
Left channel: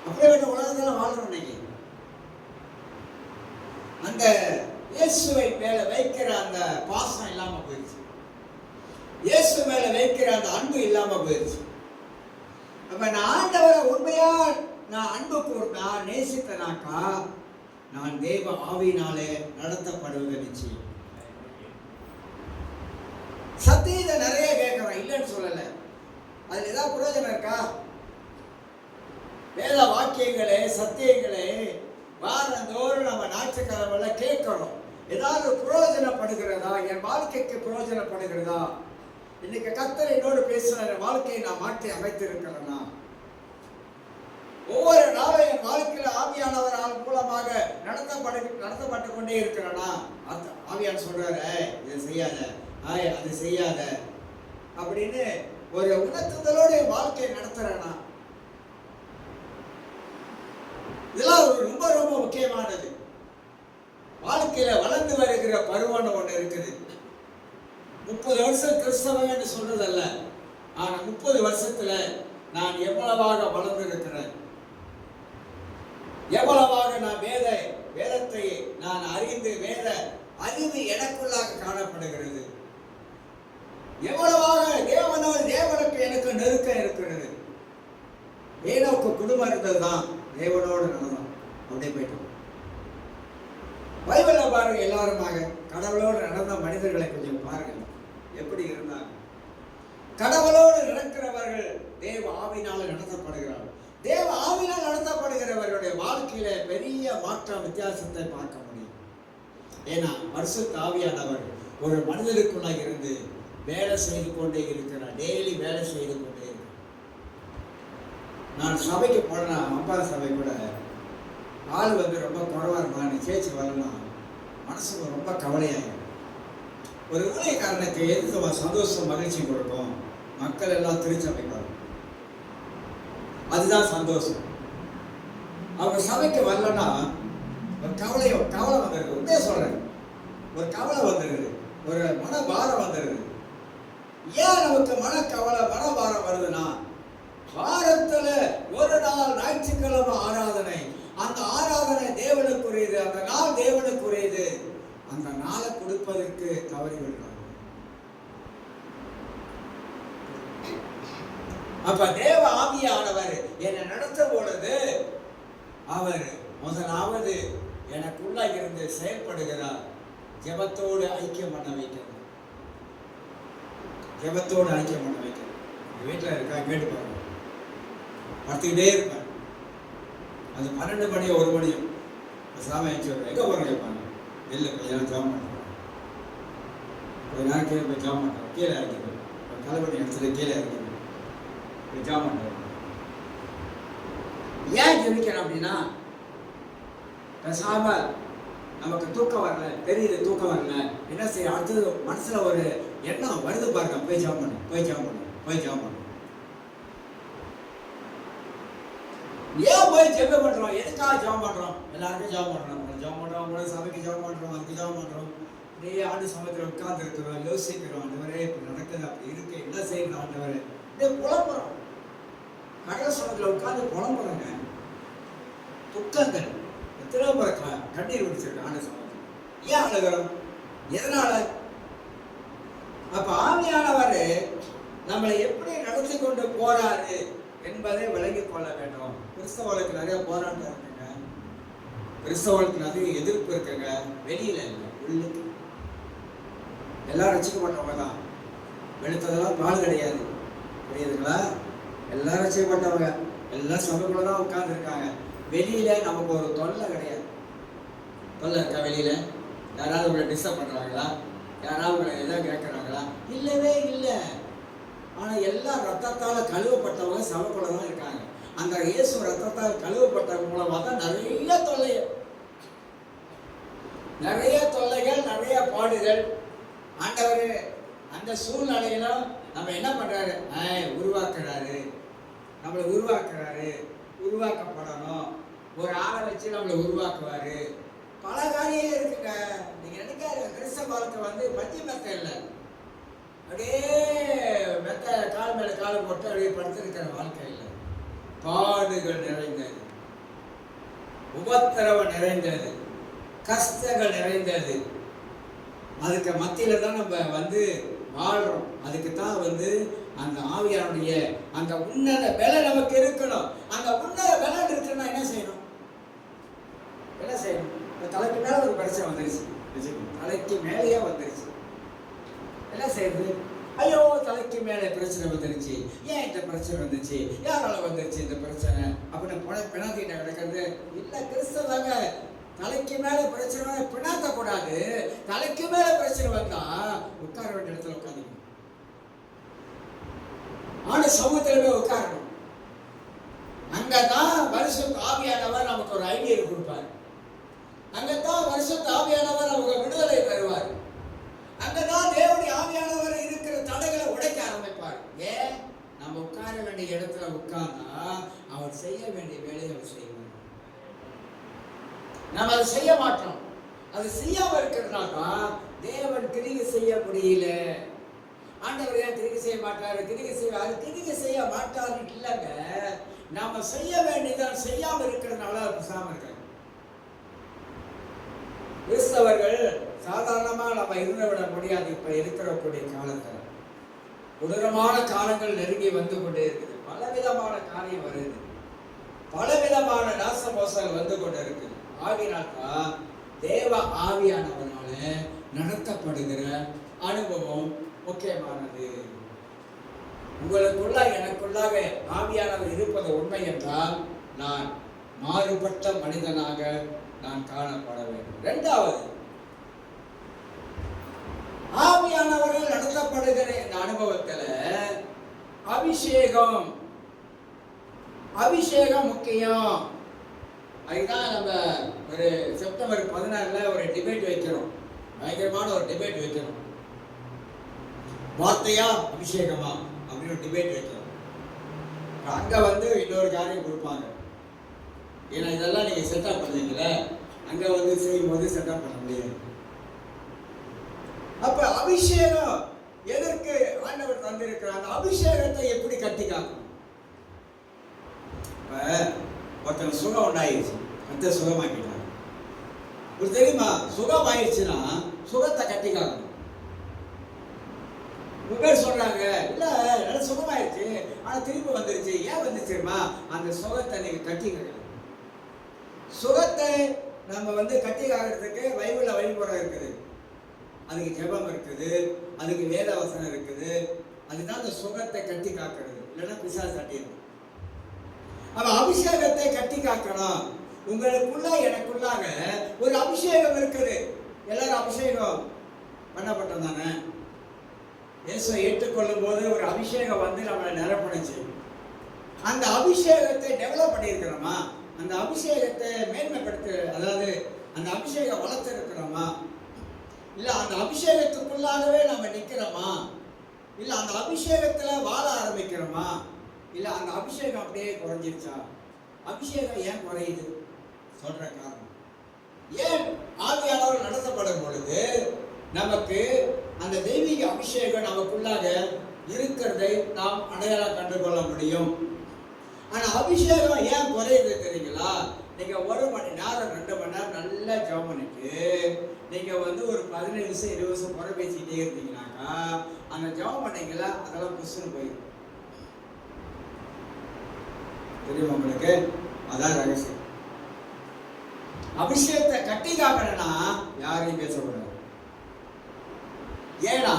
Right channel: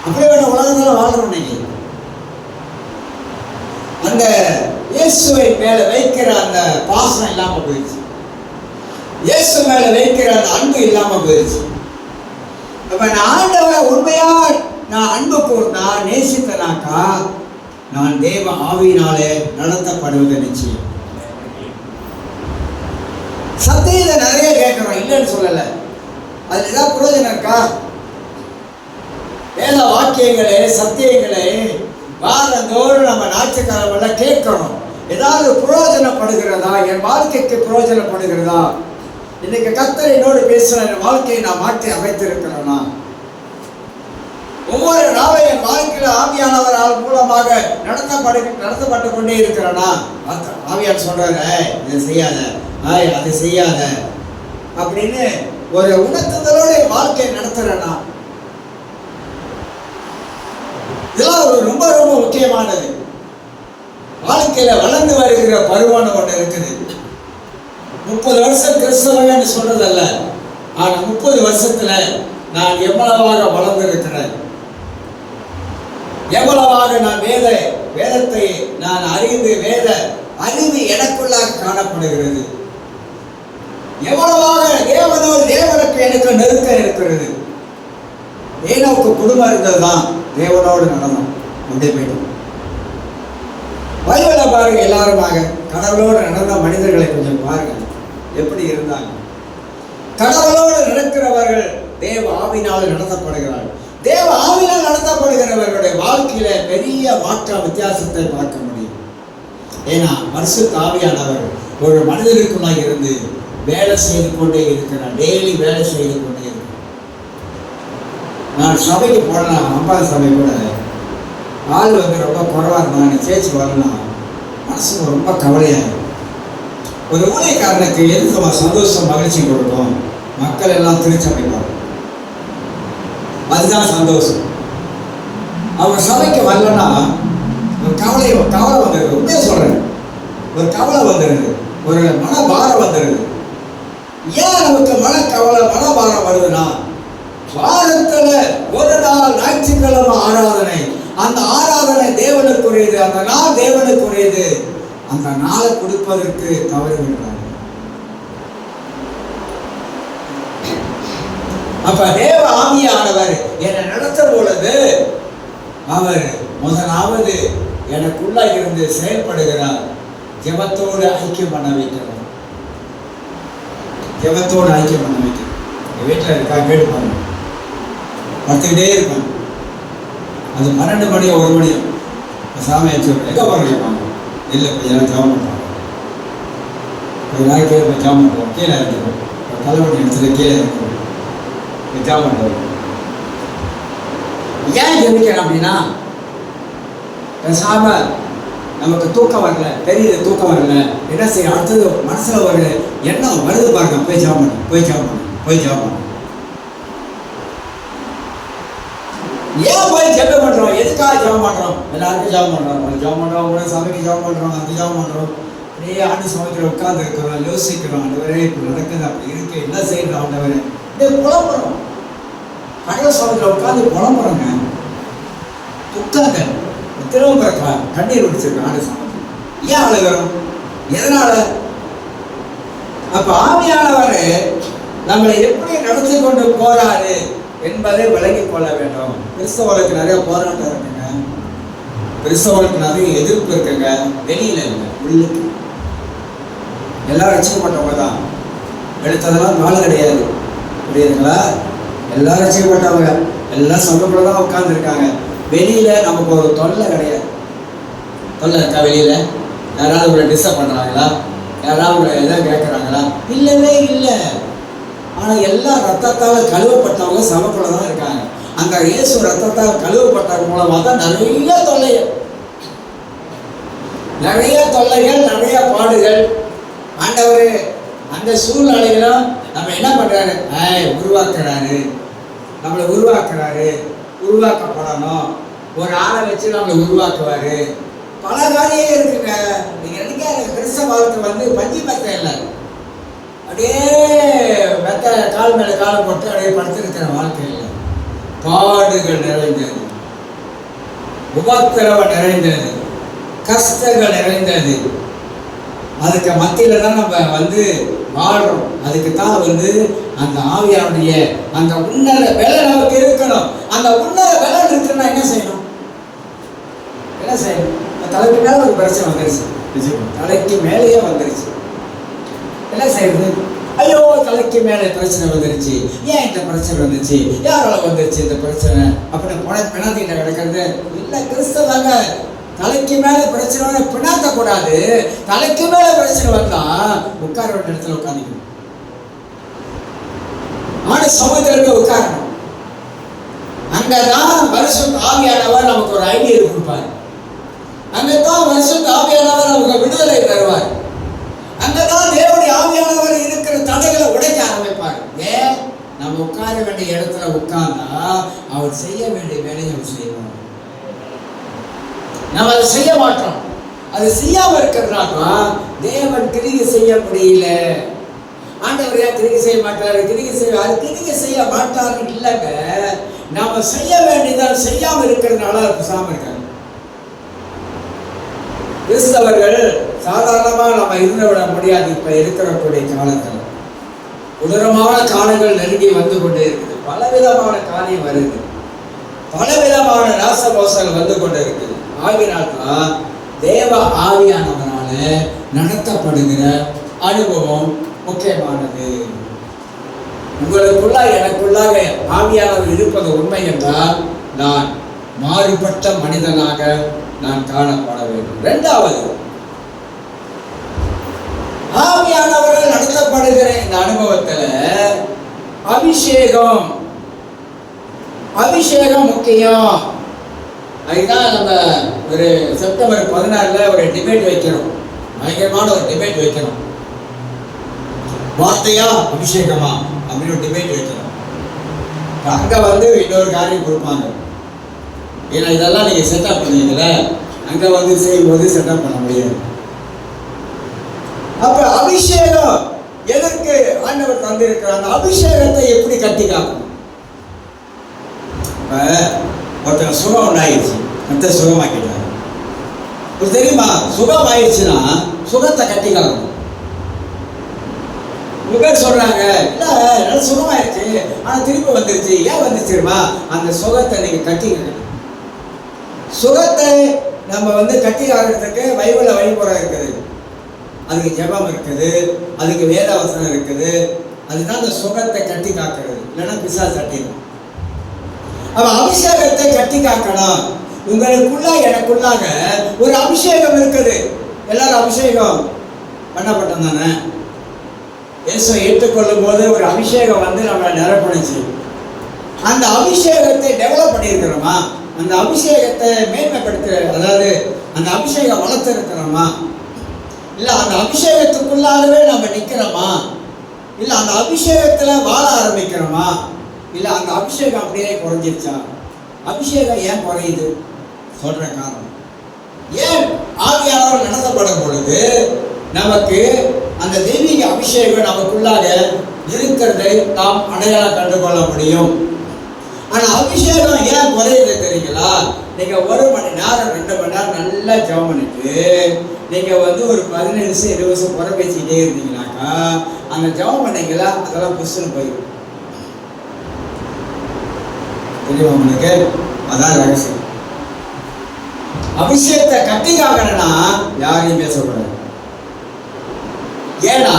அப்படியே வேண்ட உலகத்துல வாழ்றோம். இன்னைக்கு அந்த இயேசுவை மேல வைக்கிற அந்த பாசம் இல்லாம போயிடுச்சு. இயேசு மேல வைக்கிற அந்த அன்பு இல்லாம போயிடுச்சு. அப்ப நான் ஆண்டவரை உண்மையா நான் அன்பு கூர்ந்தா, நேசித்தனாக்கா, நான் தேவ ஆவியினாலே நடத்தப்படுவது நிச்சயம். சத்தியத்தை நிறைய கேட்கிறோம், இல்லைன்னு சொல்லல. அதுல ஏதாவது பிரயோஜனம் இருக்கா? வேத வாக்கியங்களே சத்தியங்களே வாரந்தோறும் நம்ம ஞாயிற்றுக்கிழமை கேட்கணும். ஏதாவது பிரயோஜனப்படுகிறதா? என் வாழ்க்கைக்கு பிரயோஜனப்படுகிறதா? இன்னைக்கு கர்த்தர் என்னோடு பேசுற என் வாழ்க்கையை நான் மாற்றி அமைத்திருக்கிறேனா? ஒவ்வொரு நாளும் என் வாழ்க்கையில ஆவியானவர் மூலமாக நடத்தப்பட்டு கொண்டே இருக்கிறேனா? ஆவியான் சொல்றாரு, இதை செய்யாத, அதை செய்யாத அப்படின்னு ஒரு உணர்த்துதலோட என் வாழ்க்கையை நடத்துறேனா? இதெல்லாம் ஒரு ரொம்ப ரொம்ப முக்கியமானது. வாழ்க்கையில வளர்ந்து வருகிற பருவம் ஒன்று இருக்குது. 30 வருஷம் கிறிஸ்தவன்னு சொல்றதல்ல, ஆனா 30 வருஷத்துல நான் எவ்வளவாக வளர்ந்து இருக்கிறேன், எவ்வளவாக நான் வேதத்தை நான் அறிந்து வேத அறிவு எனக்குள்ளாக காணப்படுகிறது. எவ்வளவாக தேவனுக்கு எனக்கு நெருக்கம் இருக்கிறது. ஏனோக்கு குடும்பம் இருந்ததுதான் தேவனோடு நடனம் அப்படி போயிட்டு. பைபிளை பாருங்க, எல்லாருமாக கடவுளோடு நடந்த மனிதர்களை கொஞ்சம் பாருங்க எப்படி இருந்தாங்க. கடவுளோடு நடக்கிறவர்கள் தேவ ஆவினால் நடத்தப்படுகிறார்கள். தேவ ஆவினால் நடத்தப்படுகிறவர்களுடைய வாழ்க்கையில பெரிய மாற்ற வித்தியாசத்தை பார்க்க முடியும். ஏன்னா பரிசுத்த ஆவியானவர் ஒரு மனிதருக்குள்ளாக இருந்து வேலை செய்து கொண்டே இருக்கிறார். டெய்லி வேலை செய்து கொண்டே இருக்கிறார். நான் சபைக்கு போனேன், அம்பாள் சபை கூட ஆள் ரொம்ப குறைவா இருந்தாங்க. சேர்ச்சி வரலாம் மனசுக்கு ரொம்ப கவலையாக. ஒரு ஊழியக்காரனுக்கு எதுக்கு சந்தோஷம் மகிழ்ச்சி கொடுக்கும்? மக்கள் எல்லாம் திருச்சபைப்பாங்க, அதுதான் சந்தோஷம். அவங்க சபைக்கு வரலன்னா ஒரு கவலை வந்துடுது. உண்மையை சொல்றேன், ஒரு கவலை வந்துடுது, ஒரு மனபாரம் வந்துடுது. ஏன் நமக்கு மனபாரம் வருதுன்னா, வாரத்துல ஒரு நாள் ஞாயிற்றுக்கிழமை ஆராதனை, அந்த ஆராதனை தேவனுக்குரியது, அந்த நாள் தேவனுக்குரியது. அந்த நாளை கொடுப்பதற்கு தவறுகிறார். அப்ப தேவ ஆவியானவர் என்னை நடத்தும் பொழுது அவர் முதலாவது எனக்குள்ள இருந்து செயல்படுகிறார். ஜெபத்தோடு ஐக்கியம் பண்ண வைக்கிறார். ஜெபத்தோடு ஐக்கியம் பண்ண வைக்கிறார். வீட்டில் இருக்கா கேட்டுப்பாங்க, படுத்துக்கிட்டே இருப்பாங்க. அது 12 மணியோ 1 மணியோ சாமி வச்சுருப்பாங்க. எங்கே போகிறீங்க? இல்லை, கொஞ்ச நேரம் ஜாம் பண்ணுறாங்க. கொஞ்ச நாள் கீழே போய் ஜாம் பண்ணுறோம். கீழே இறங்கிடும், தலைவலி எடுத்துட்டு கீழே இறங்கிடும், ஜாம் பண்ணுறோம். ஏன் ஜெபிக்கிறேன் அப்படின்னா, பேசாம நமக்கு தூக்கம் வரல, தெரியுது தூக்கம் வரல, என்ன செய்ய, அடுத்தது மனசுல ஒரு எண்ணம் வருது பாருங்க, போய் ஜாம் பண்ணு, போய் ஜாம் பண்ணு, போய் ஜாம் பண்ணு. ஏன் போய் ஜெபம் பண்றோம்? எதுக்காக ஜெபம் பண்றோம்? எல்லாருக்கும் ஜெபம் பண்றோம், உடனே சபைக்கு ஜெபம் பண்றோம், அங்கே ஜெபம் பண்றோம். அப்படியே ஆண்டு சமயத்தில் உட்கார்ந்து இருக்கிறோம், யோசிக்கிறோம். ஆண்டவரே இப்படி நடக்குது, அப்படி இருக்கு, என்ன செய்யணும் ஆண்டவரே, இப்படியே புலம்புறோம். கடவுள் சமயத்தில் உட்கார்ந்து புலம்புறோங்க. உட்கார்ந்து திரும்ப கண்ணீர் விடுச்சிருக்கோம் ஆண்டு சமயத்தில். ஏன் அழுகிறோம்? எதனால? அப்ப ஆவியானவர் நம்மளை எப்படி நடத்தி கொண்டு போறாரு என்பதை விளங்கிக் கொள்ள வேண்டும். கிறிஸ்தவர்களுக்கு நிறைய போராட்டம் இருக்குங்க, கிறிஸ்தவர்களுக்கு நிறைய எதிர்ப்பு இருக்குங்க. வெளியில இல்லை, உள்ளுக்கு. எல்லாரும் ரசிக்கப்பட்டவங்க தான், எடுத்ததெல்லாம் நாள் கிடையாது, புரியுதுங்களா? எல்லாரும் ரசிக்கப்பட்டவங்க, எல்லாம் சபைக்குள்ள தான் உட்கார்ந்துருக்காங்க. வெளியில நமக்கு ஒரு தொல்லை கிடையாது. தொல்லை இருக்கா வெளியில? யாராவது உங்களை டிஸ்டர்ப் பண்றாங்களா? யாராவது உங்களை எதாவது கேட்குறாங்களா? இல்லவே இல்லை. ஆனால் எல்லாம் ரத்தத்தால் கழுவப்பட்டவங்க சபைக்குள்ள தான் இருக்காங்க. அந்த இயேசு ரத்தத்தால் கழுவப்பட்டவங்க மூலமாக தான் நிறைய தொல்லைகள், நிறைய பாடுகள். ஆண்டவர் அந்த சூழ்நிலைகளும் நம்ம என்ன பண்றாரு? உருவாக்குறாரு, நம்மளை உருவாக்குறாரு. உருவாக்கப்படணும், ஒரு ஆளை வச்சு நம்மளை உருவாக்குவாரு. பல காரியம் இருக்குங்க. நீங்க நினைக்காத கிறிஸ்தவ வாழ்க்கை பஞ்சு மெத்த இல்லை, அப்படியே மெத்த கால் மேல காலம் போட்டு அப்படியே படுத்திருக்கிற வாழ்க்கை இல்லை. பாடுகள் நிறைந்தது, உபத்திரவம் நிறைந்தது, கஷ்டங்கள் நிறைந்தது. அதுக்கு மத்தியில தான் நம்ம வாழ்றோம். அதுக்கு தான் அந்த ஆவியாருடைய அந்த உன்னத வேலை நமக்கு இருக்கணும். அந்த உன்னத வேலை இருக்குன்னா என்ன செய்யணும்? என்ன செய்யணும்? தலைக்கு மேல ஒரு பிரச்சனை வந்துருச்சு, தலைக்கு மேலேயே வந்துருச்சு. என்ன செய்யறது? ஐயோ, தலைக்கு மேலே பிரச்சனை வந்துருச்சு, ஏன் இந்த பிரச்சனை வந்துச்சு, யாரால வந்துருச்சு இந்த பிரச்சனை அப்படின்னு பிணத்திட்ட கிடக்கிறது இல்லை. கிறிஸ்தவங்க தலைக்கு மேல பிரச்சனை பிணாத்த கூடாது. தலைக்கு மேல பிரச்சனை வந்தா உட்கார வேண்டிய இடத்துல உட்காந்துக்கணும். ஆனா சமுதிரத்துல உட்காரணும். அங்கதான் பரிசுத்த ஆவியானவர் நமக்கு ஒரு ஐடியா கொடுப்பார். அங்கதான் பரிசுத்த ஆவியானவர் நமக்கு விடுதலை தருவார். அங்கதான் தேவனுடைய ஆவியானவர் இருக்கிற தடைகளை உடைக்க ஆரம்பிப்பார். ஏன்? நம்ம உட்கார வேண்டிய இடத்துல உட்கார்ந்தா அவர் செய்ய வேண்டிய வேலையை அவர் செய்வார். நம்ம அதை செய்ய மாட்டோம். அது செய்யாம இருக்கிறதுனால தேவன் கிரியை செய்ய முடியல. ஆண்டவர் ஏன் கிரியை செய்ய மாட்டாரு? கிரியை செய்ய மாட்டாரு இல்லைங்க, நாம செய்ய வேண்டியதால் செய்யாம இருக்கிறதுனால பேசாம இருக்காங்க. கிறிஸ்தவர்கள் சாதாரணமா நம்ம இருந்து விட முடியாது. இப்ப இருக்கக்கூடிய காலத்தில் கொடூரமான காலங்கள் நெருங்கி வந்து கொண்டே இருக்குது. பலவிதமான காரியம் வருது, பலவிதமான நாசமோசங்கள் வந்து கொண்டே இருக்குது. ஆகினால்தான் தேவ ஆவியானவரால நடத்தப்படுகிற அனுபவம் முக்கியமானது. உங்களுக்குள்ளாக எனக்குள்ளாக ஆவியானவர் இருப்பது உண்மை என்றால் நான் மாறுபட்ட மனிதனாக நான் காணப்பட வேண்டும். இரண்டாவது, ஆவியானவர்கள் நடத்தப்படுகிற இந்த அனுபவத்துல அபிஷேகம் முக்கியம். அதுதான் நம்ம ஒரு செப்டம்பர் 16 ஒரு டிபேட் வைக்கிறோம், பயங்கரமான ஒரு டிபேட் வைக்கிறோம். வார்த்தையா அபிஷேகமா அப்படின்னு ஒரு டிபேட் வைக்கிறோம். அங்க இன்னொரு காரியம் கொடுப்பாங்க. ஏன்னா இதெல்லாம் நீங்க செட்டப் பண்ணுவீங்கள, அங்க செய்யும்போது செட்டப் பண்ண முடியாது. அப்ப அபிஷேகம் எதற்கு ஆண்டவர் தந்திருக்கிறார்? அந்த அபிஷேகத்தை எப்படி கட்டி காக்கணும்? ஒருத்தர் சுகம் உண்டாயிடுச்சு, மற்ற சுகமாக்கிட்டாங்க. தெரியுமா, சுகம் ஆயிடுச்சுன்னா சுகத்தை கட்டி காக்கணும். பேர் சொல்றாங்க, இல்ல நல்ல சுகமாயிருச்சு ஆனா திருப்பி வந்துருச்சு. ஏன் வந்துருச்சுமா? அந்த சுகத்தை நீங்க கட்டி சுகத்தை நம்ம கட்டி காக்கிறதுக்கு பைபிள்ல வழிமுறை இருக்குது, அதுக்கு ஜெபம் இருக்குது, அதுக்கு வேதவசனம் இருக்குது. அதுதான் அந்த சுகத்தை கட்டி காக்கிறது, இல்லைன்னா பிசாசு தட்டிடும். அவ அபிஷேகத்தை கட்டி காக்கணும். உங்களுக்குள்ள எனக்குள்ளாக ஒரு அபிஷேகம் இருக்குது. எல்லாரும் அபிஷேகம் பண்ணப்பட்டோம் தானே? இயேசுவை ஏற்றுக்கொள்ளும் போது ஒரு அபிஷேகம் நம்மளை நிரப்பணிச்சு. அந்த அபிஷேகத்தை டெவலப் பண்ணியிருக்கிறோமா? அந்த அபிஷேகத்தை மேன்மைப்படுத்த, அதாவது அந்த அபிஷேகம் வளர்த்திருக்கிறோமா? இல்ல அந்த அபிஷேகத்துக்குள்ளாகவே நம்ம நிக்கிறோமா? இல்ல அந்த அபிஷேகத்துல வாழ ஆரம்பிக்கிறோமா? இல்ல அந்த அபிஷேகம் அப்படியே குறைஞ்சிருச்சா? அபிஷேகம் ஏன் குறையுது? சொல்ற காரணம், ஏன் ஆவியானவர் நடத்தப்படும் பொழுது நமக்கு அந்த தெய்வீக அபிஷேகம் நமக்குள்ளாக இருக்கிறதை நாம் அடையாளம் கண்டுகொள்ள முடியும். ஆனா அபிஷேகம் ஏன் குறையுது தெரியுங்களா? நீங்க 1 மணி நேரம் 2 மணி நேரம் நல்லா ஜெபம் பண்ணிட்டு நீங்க ஒரு 15 நிமிஷம் 20 நிமிஷம் குறை பேசிக்கிட்டே இருந்தீங்கன்னாக்கா அந்த ஜெபம் பண்ணீங்களா அதெல்லாம் புஷ்ன்னு போயிடும். தெரியுமா உங்களுக்கு? அதான் ரகசியம். அபிஷேகத்தை கட்டி காக்கணும்னா யாரையும் பேசக்கூடாது. ஏன்னா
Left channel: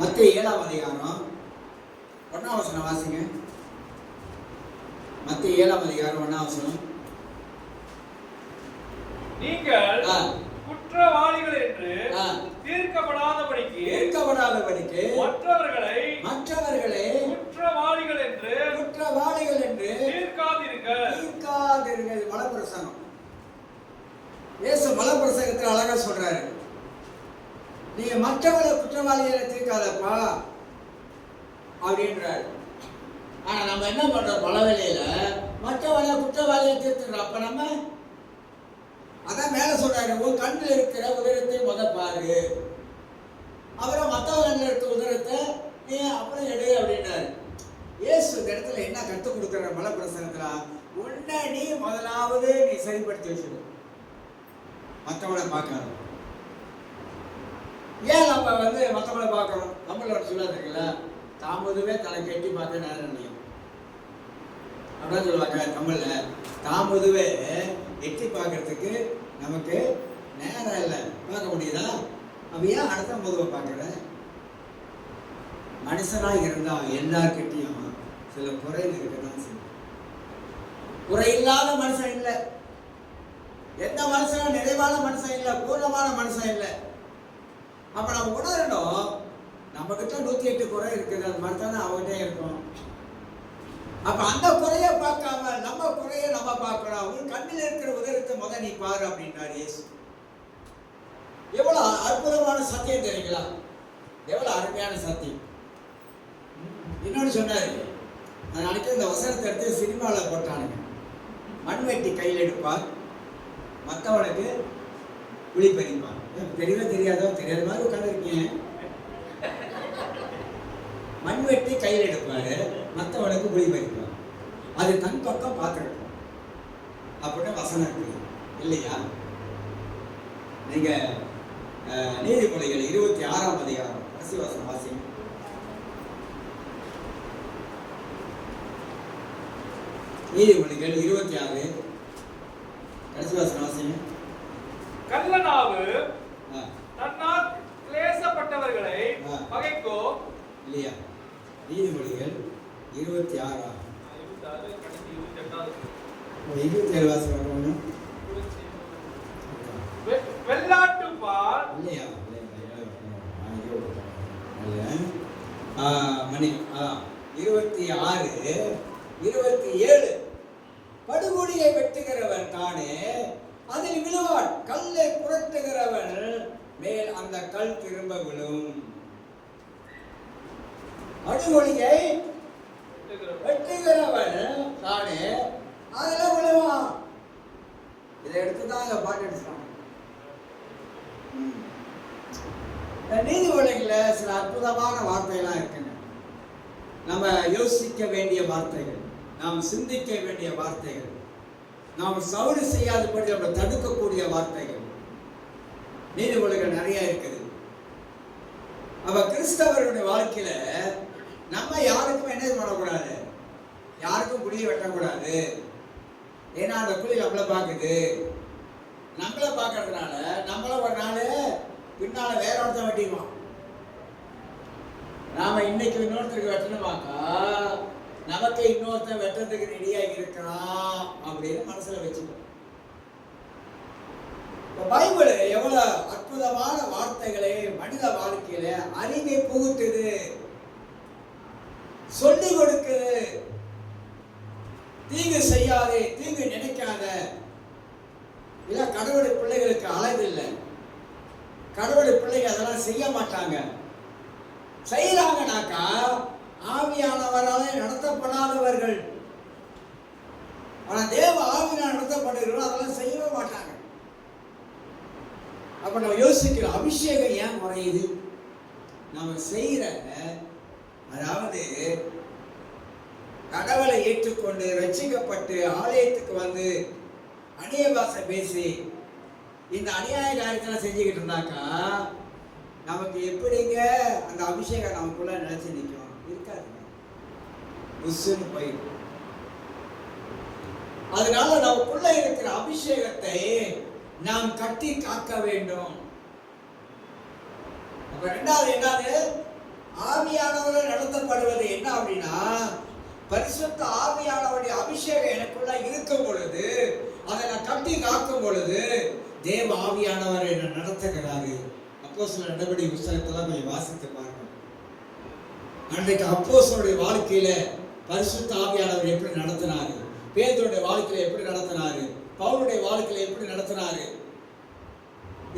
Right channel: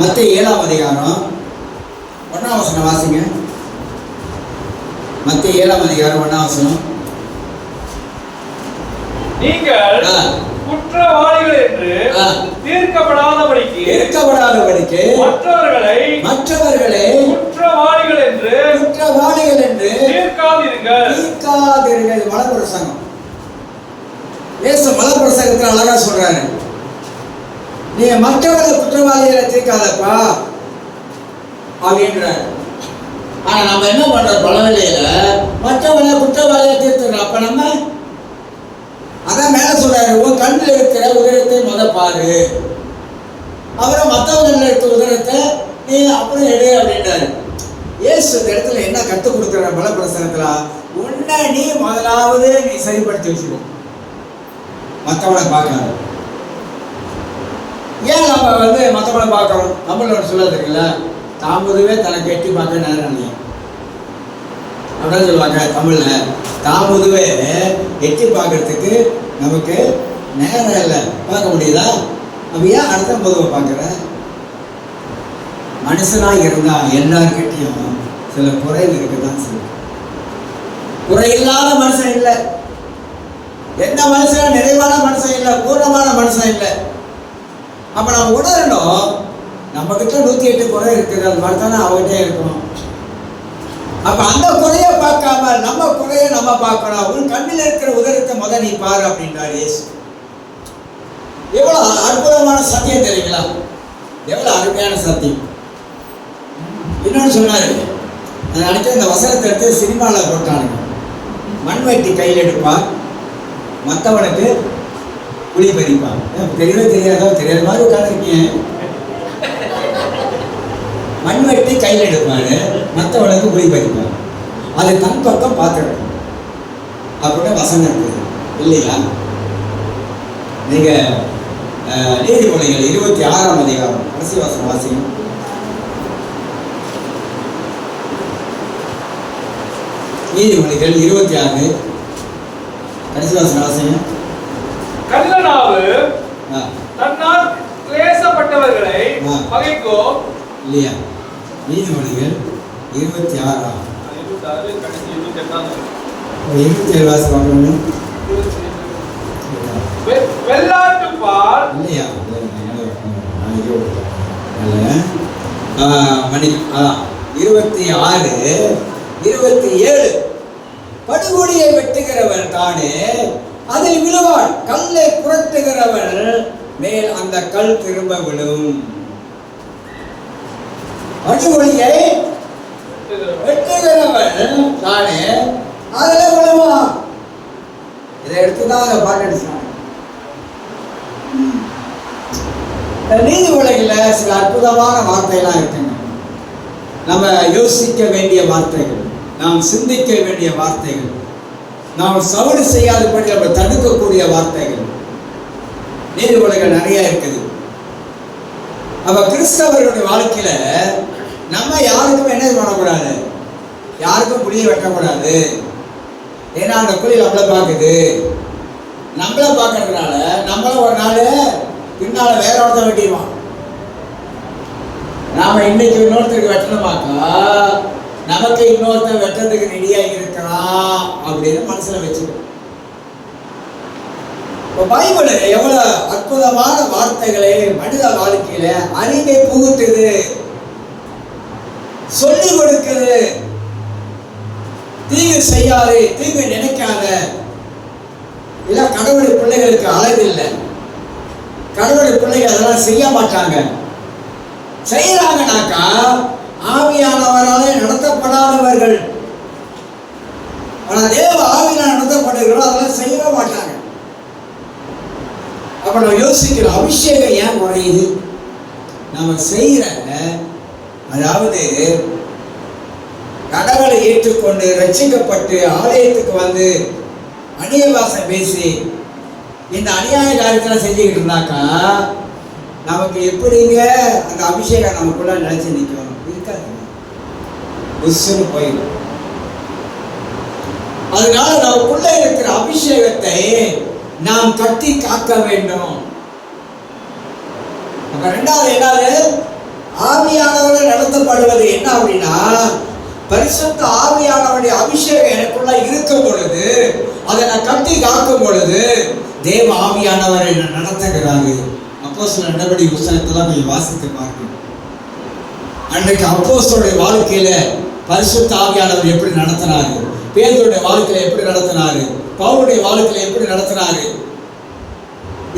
மத்தேயு 7ஆம் அதிகாரம் 1ஆம் வசனம் வாசிங்க. மத்தேயு 7ஆம் அதிகாரம் 1ஆம் வசனம். நீங்கள் குற்றவாளிகள் என்று தீர்க்கப்படாதபடிக்கு மற்றவர்களை குற்றவாளிகள் என்று தீர்க்காதீர்கள். மலப்பிரசங்கம். இயேசு மலப்பிரசங்கத்தில் அழகா சொல்றாரு, நீ மற்றவர்களை குற்றவாளிகளை தீர்க்காதப்பா அப்படின்றாரு. ஆனா நம்ம என்ன பண்றோம்? பலவழியில மற்றவர்களை குற்றவாளியை தீர்த்துறோம். அப்ப நம்ம அதான் மேல சொல்றாரு, உன் கண்ணில் இருக்கிற உதரத்தை முத பாரு, அப்புறம் மற்றவர்கள் இருக்கிற உதரத்தை நீ அப்புறம் எடு அப்படின்றாரு. இயேசு இந்த இடத்துல என்ன கற்றுக் கொடுக்குற பலப்பிரசனத்துல, உன்னை நீ முதலாவது நீ சரிப்படுத்தி வச்சுக்கோ, மற்றவனை பார்க்காத. ஏன் நம்ம மற்றவனை பார்க்கணும்? நம்மளோட சொல்ல தெரியல, தாமுதுவே தனக்கு எட்டி பார்க்க நேரம் இல்லையா அப்படின்னு சொல்லுவாங்க தமிழ்ல. தாமுதுவே எட்டி பார்க்கறதுக்கு நமக்கு நேரம் இல்லை, பார்க்க முடியுதா? அப்ப ஏன் அடுத்த பொதுவை பார்க்குற? மனுஷனா இருந்தா எல்லார்கிட்டையும் சில குறைகள் இருக்குதான் செய்யும். குறையில்லாத மனுஷன் இல்லை, எந்த மனுஷனும் நிறைவான மனுஷன் இல்லை, பூர்ணமான மனுஷன் இல்லை. அப்ப நம்ம உணரணும், நம்ம கிட்ட 108 குறை இருக்குது, அது மாதிரி தானே அவகிட்டே இருக்கணும். அப்ப அந்த குறைய பார்க்காம நம்ம குறைய நம்ம பார்க்கணும். உன் கண்ணில் இருக்கிற உதரத்தை முத நீ பாரு அப்படின்றார் இயேசு. எவ்வளவு அற்புதமான சத்தியம் தெரியுங்களா? எவ்வளவு அருமையான சத்தியம். இன்னொன்னு சொன்னாரு, அடுத்து இந்த வசனத்தை எடுத்து சினிமாவில் போட்டானுங்க. மண்வெட்டி கையில் எடுப்பான், மற்றவனுக்கு புளி பறிப்பான். தெரியவே தெரியாதோ தெரியாத மாதிரி உட்காந்துருக்கீங்க. மண்வெட்டி கையில் எடுப்பாரு, மற்றவனுக்கு புளி பறிப்பான். அது தன் பக்கம் பார்த்துருக்கும் அப்படின்னு வசனம் இருக்குது இல்லையா? நீங்க நீதிமொழிகள் 26ஆம் அதிகாரம் கடைசி வசனம் வாசிங்க. நீதிமொழிகள் 26 கடைசி வசனம் வாசிங்க. கள்ளனாவு தன்னால் கிளேசப்பட்டவர்களை பகைக்கோ இல்லையா? நீதிமொழிகள் 26 கடைசி 28 27 வாசகம் வெள்ளாட்டு பால் இல்லையா? மணி 26 27 படுகொடியை வெட்டுகிறவன் தானே அதில் விழுவான், கல்லை புரட்டுகிறவன் மேல் அந்த கல் திரும்ப விழும். படுகொடியை வெட்டுகிறவன் தானே அதில் விழுவான். இதை எடுத்துதான் அந்த பாட்டு எடுத்தாங்க. நீதிமொழிகளில் சில அற்புதமான வார்த்தைகள்லாம் இருக்குங்க. நம்ம யோசிக்க வேண்டிய வார்த்தைகள், நாம் சிந்திக்க வேண்டிய வார்த்தைகள், நாம் சவடு செய்யாதபடி நம்ம தடுக்கக்கூடிய வார்த்தைகள் நீதிமொழிகள் நிறைய இருக்குது. அப்ப கிறிஸ்தவர்களுடைய வாழ்க்கையில நம்ம யாருக்கும் என்ன பண்ணக்கூடாது, யாருக்கும் குழியை வெட்டக்கூடாது. ஏன்னா அந்த குழி நம்மளை பார்க்குது. நம்மளை பார்க்கறதுனால நம்மள ஒரு நாள் பின்னால வேற ஒருத்தன் வெட்டிடுவான். நாம இன்னைக்கு இன்னொருத்தருக்கு வெட்டணுமாக்கா நமக்கு இன்னொருத்தன் வெட்டுறதுக்கு ரெடியா இருக்கிறான் அப்படின்னு மனசுல வச்சுக்கணும். இப்போ பைபிள் எவ்வளவு அற்புதமான வார்த்தைகளை மனித வாழ்க்கையில அறிவை புகுத்துது, சொல்லி கொடுக்குது. தீங்கு செய்யாதே, தீங்கு நினைக்காத. இல்ல கடவுளுடைய பிள்ளைகளுக்கு அழகு இல்லை. கடவுளுடைய பிள்ளைகள் அதெல்லாம் செய்ய மாட்டாங்க. செய்யறாங்கனாக்கா ஆவியானவராலே நடத்தப்படாதவர்கள். ஆனா தேவ ஆவியால் நடத்தப்படுகிறோம், அதெல்லாம் செய்யவே மாட்டாங்க. அப்ப நம்ம யோசிக்கிறோம், அபிஷேகம் ஏன் குறையுது? நம்ம செய்யற, அதாவது கடவுளை ஏற்றுக்கொண்டு ரட்சிக்கப்பட்டு ஆலயத்துக்கு வந்து அந்நிய பாஷை பேசி இந்த அநியாய காரியத்தில் செஞ்சுக்கிட்டு இருந்தாக்கா நமக்கு எப்படிங்க அந்த அபிஷேகம் நமக்குள்ள நினைச்சு நிற்கும்? இருக்காது, புஷ்னு போயிடும். அதனால நமக்குள்ள இருக்கிற அபிஷேகத்தை நாம் கட்டி காக்க வேண்டும். அப்ப ரெண்டாவது என்னது, ஆவியானவர்கள் நடத்தப்படுவது என்ன அப்படின்னா, பரிசுத்த ஆவியானவருடைய அபிஷேகம் எனக்குள்ள இருக்கும் பொழுது, அதை நான் கட்டி காக்கும் பொழுது தேவ ஆவியானவரை நடத்துகிறாரு. அப்போஸ்தலர் நடவடிக்கை புத்தகத்தெல்லாம் கொஞ்சம் வாசித்து பார்க்கணும். அன்றைக்கு அப்போஸ்தலருடைய வாழ்க்கையில பரிசுத்த ஆவியானவர் எப்படி நடத்தினாரு, பேதுருடைய வாழ்க்கையில எப்படி நடத்தினாரு, பவுலுடைய வாழ்க்கையில எப்படி நடத்தினாரு,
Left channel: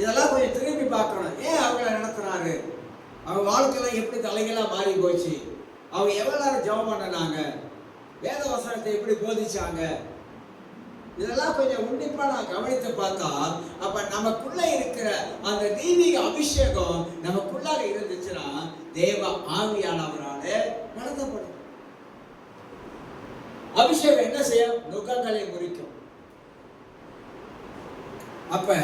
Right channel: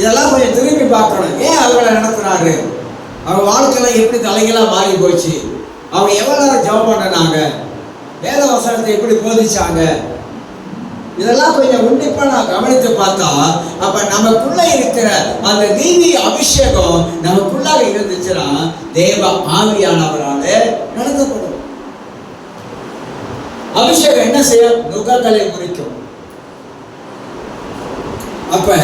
இதெல்லாம் கொஞ்சம் திரும்பி பார்க்கணும். ஏன் அவங்களை நடத்தினாரு? அவங்க வாழ்க்கையில எப்படி தலைகளாக மாறி போச்சு, அவங்க எவ்வளவு நேரம் ஜெபம் பண்ணினாங்க, வேத வசனத்தை எப்படி போதிச்சாங்க, இதெல்லாம் கொஞ்சம் உன்னிப்பா நான் கவனித்து பார்த்தா அப்ப நமக்குள்ள இருக்கிற அந்த தெய்வீக அபிஷேகம் நமக்குள்ளாக இருந்துச்சுன்னா தேவ ஆவியானவரால நடத்தப்படும். அபிஷேகம் என்ன செய்யும்? நுகங்களை குறிக்கும். அப்ப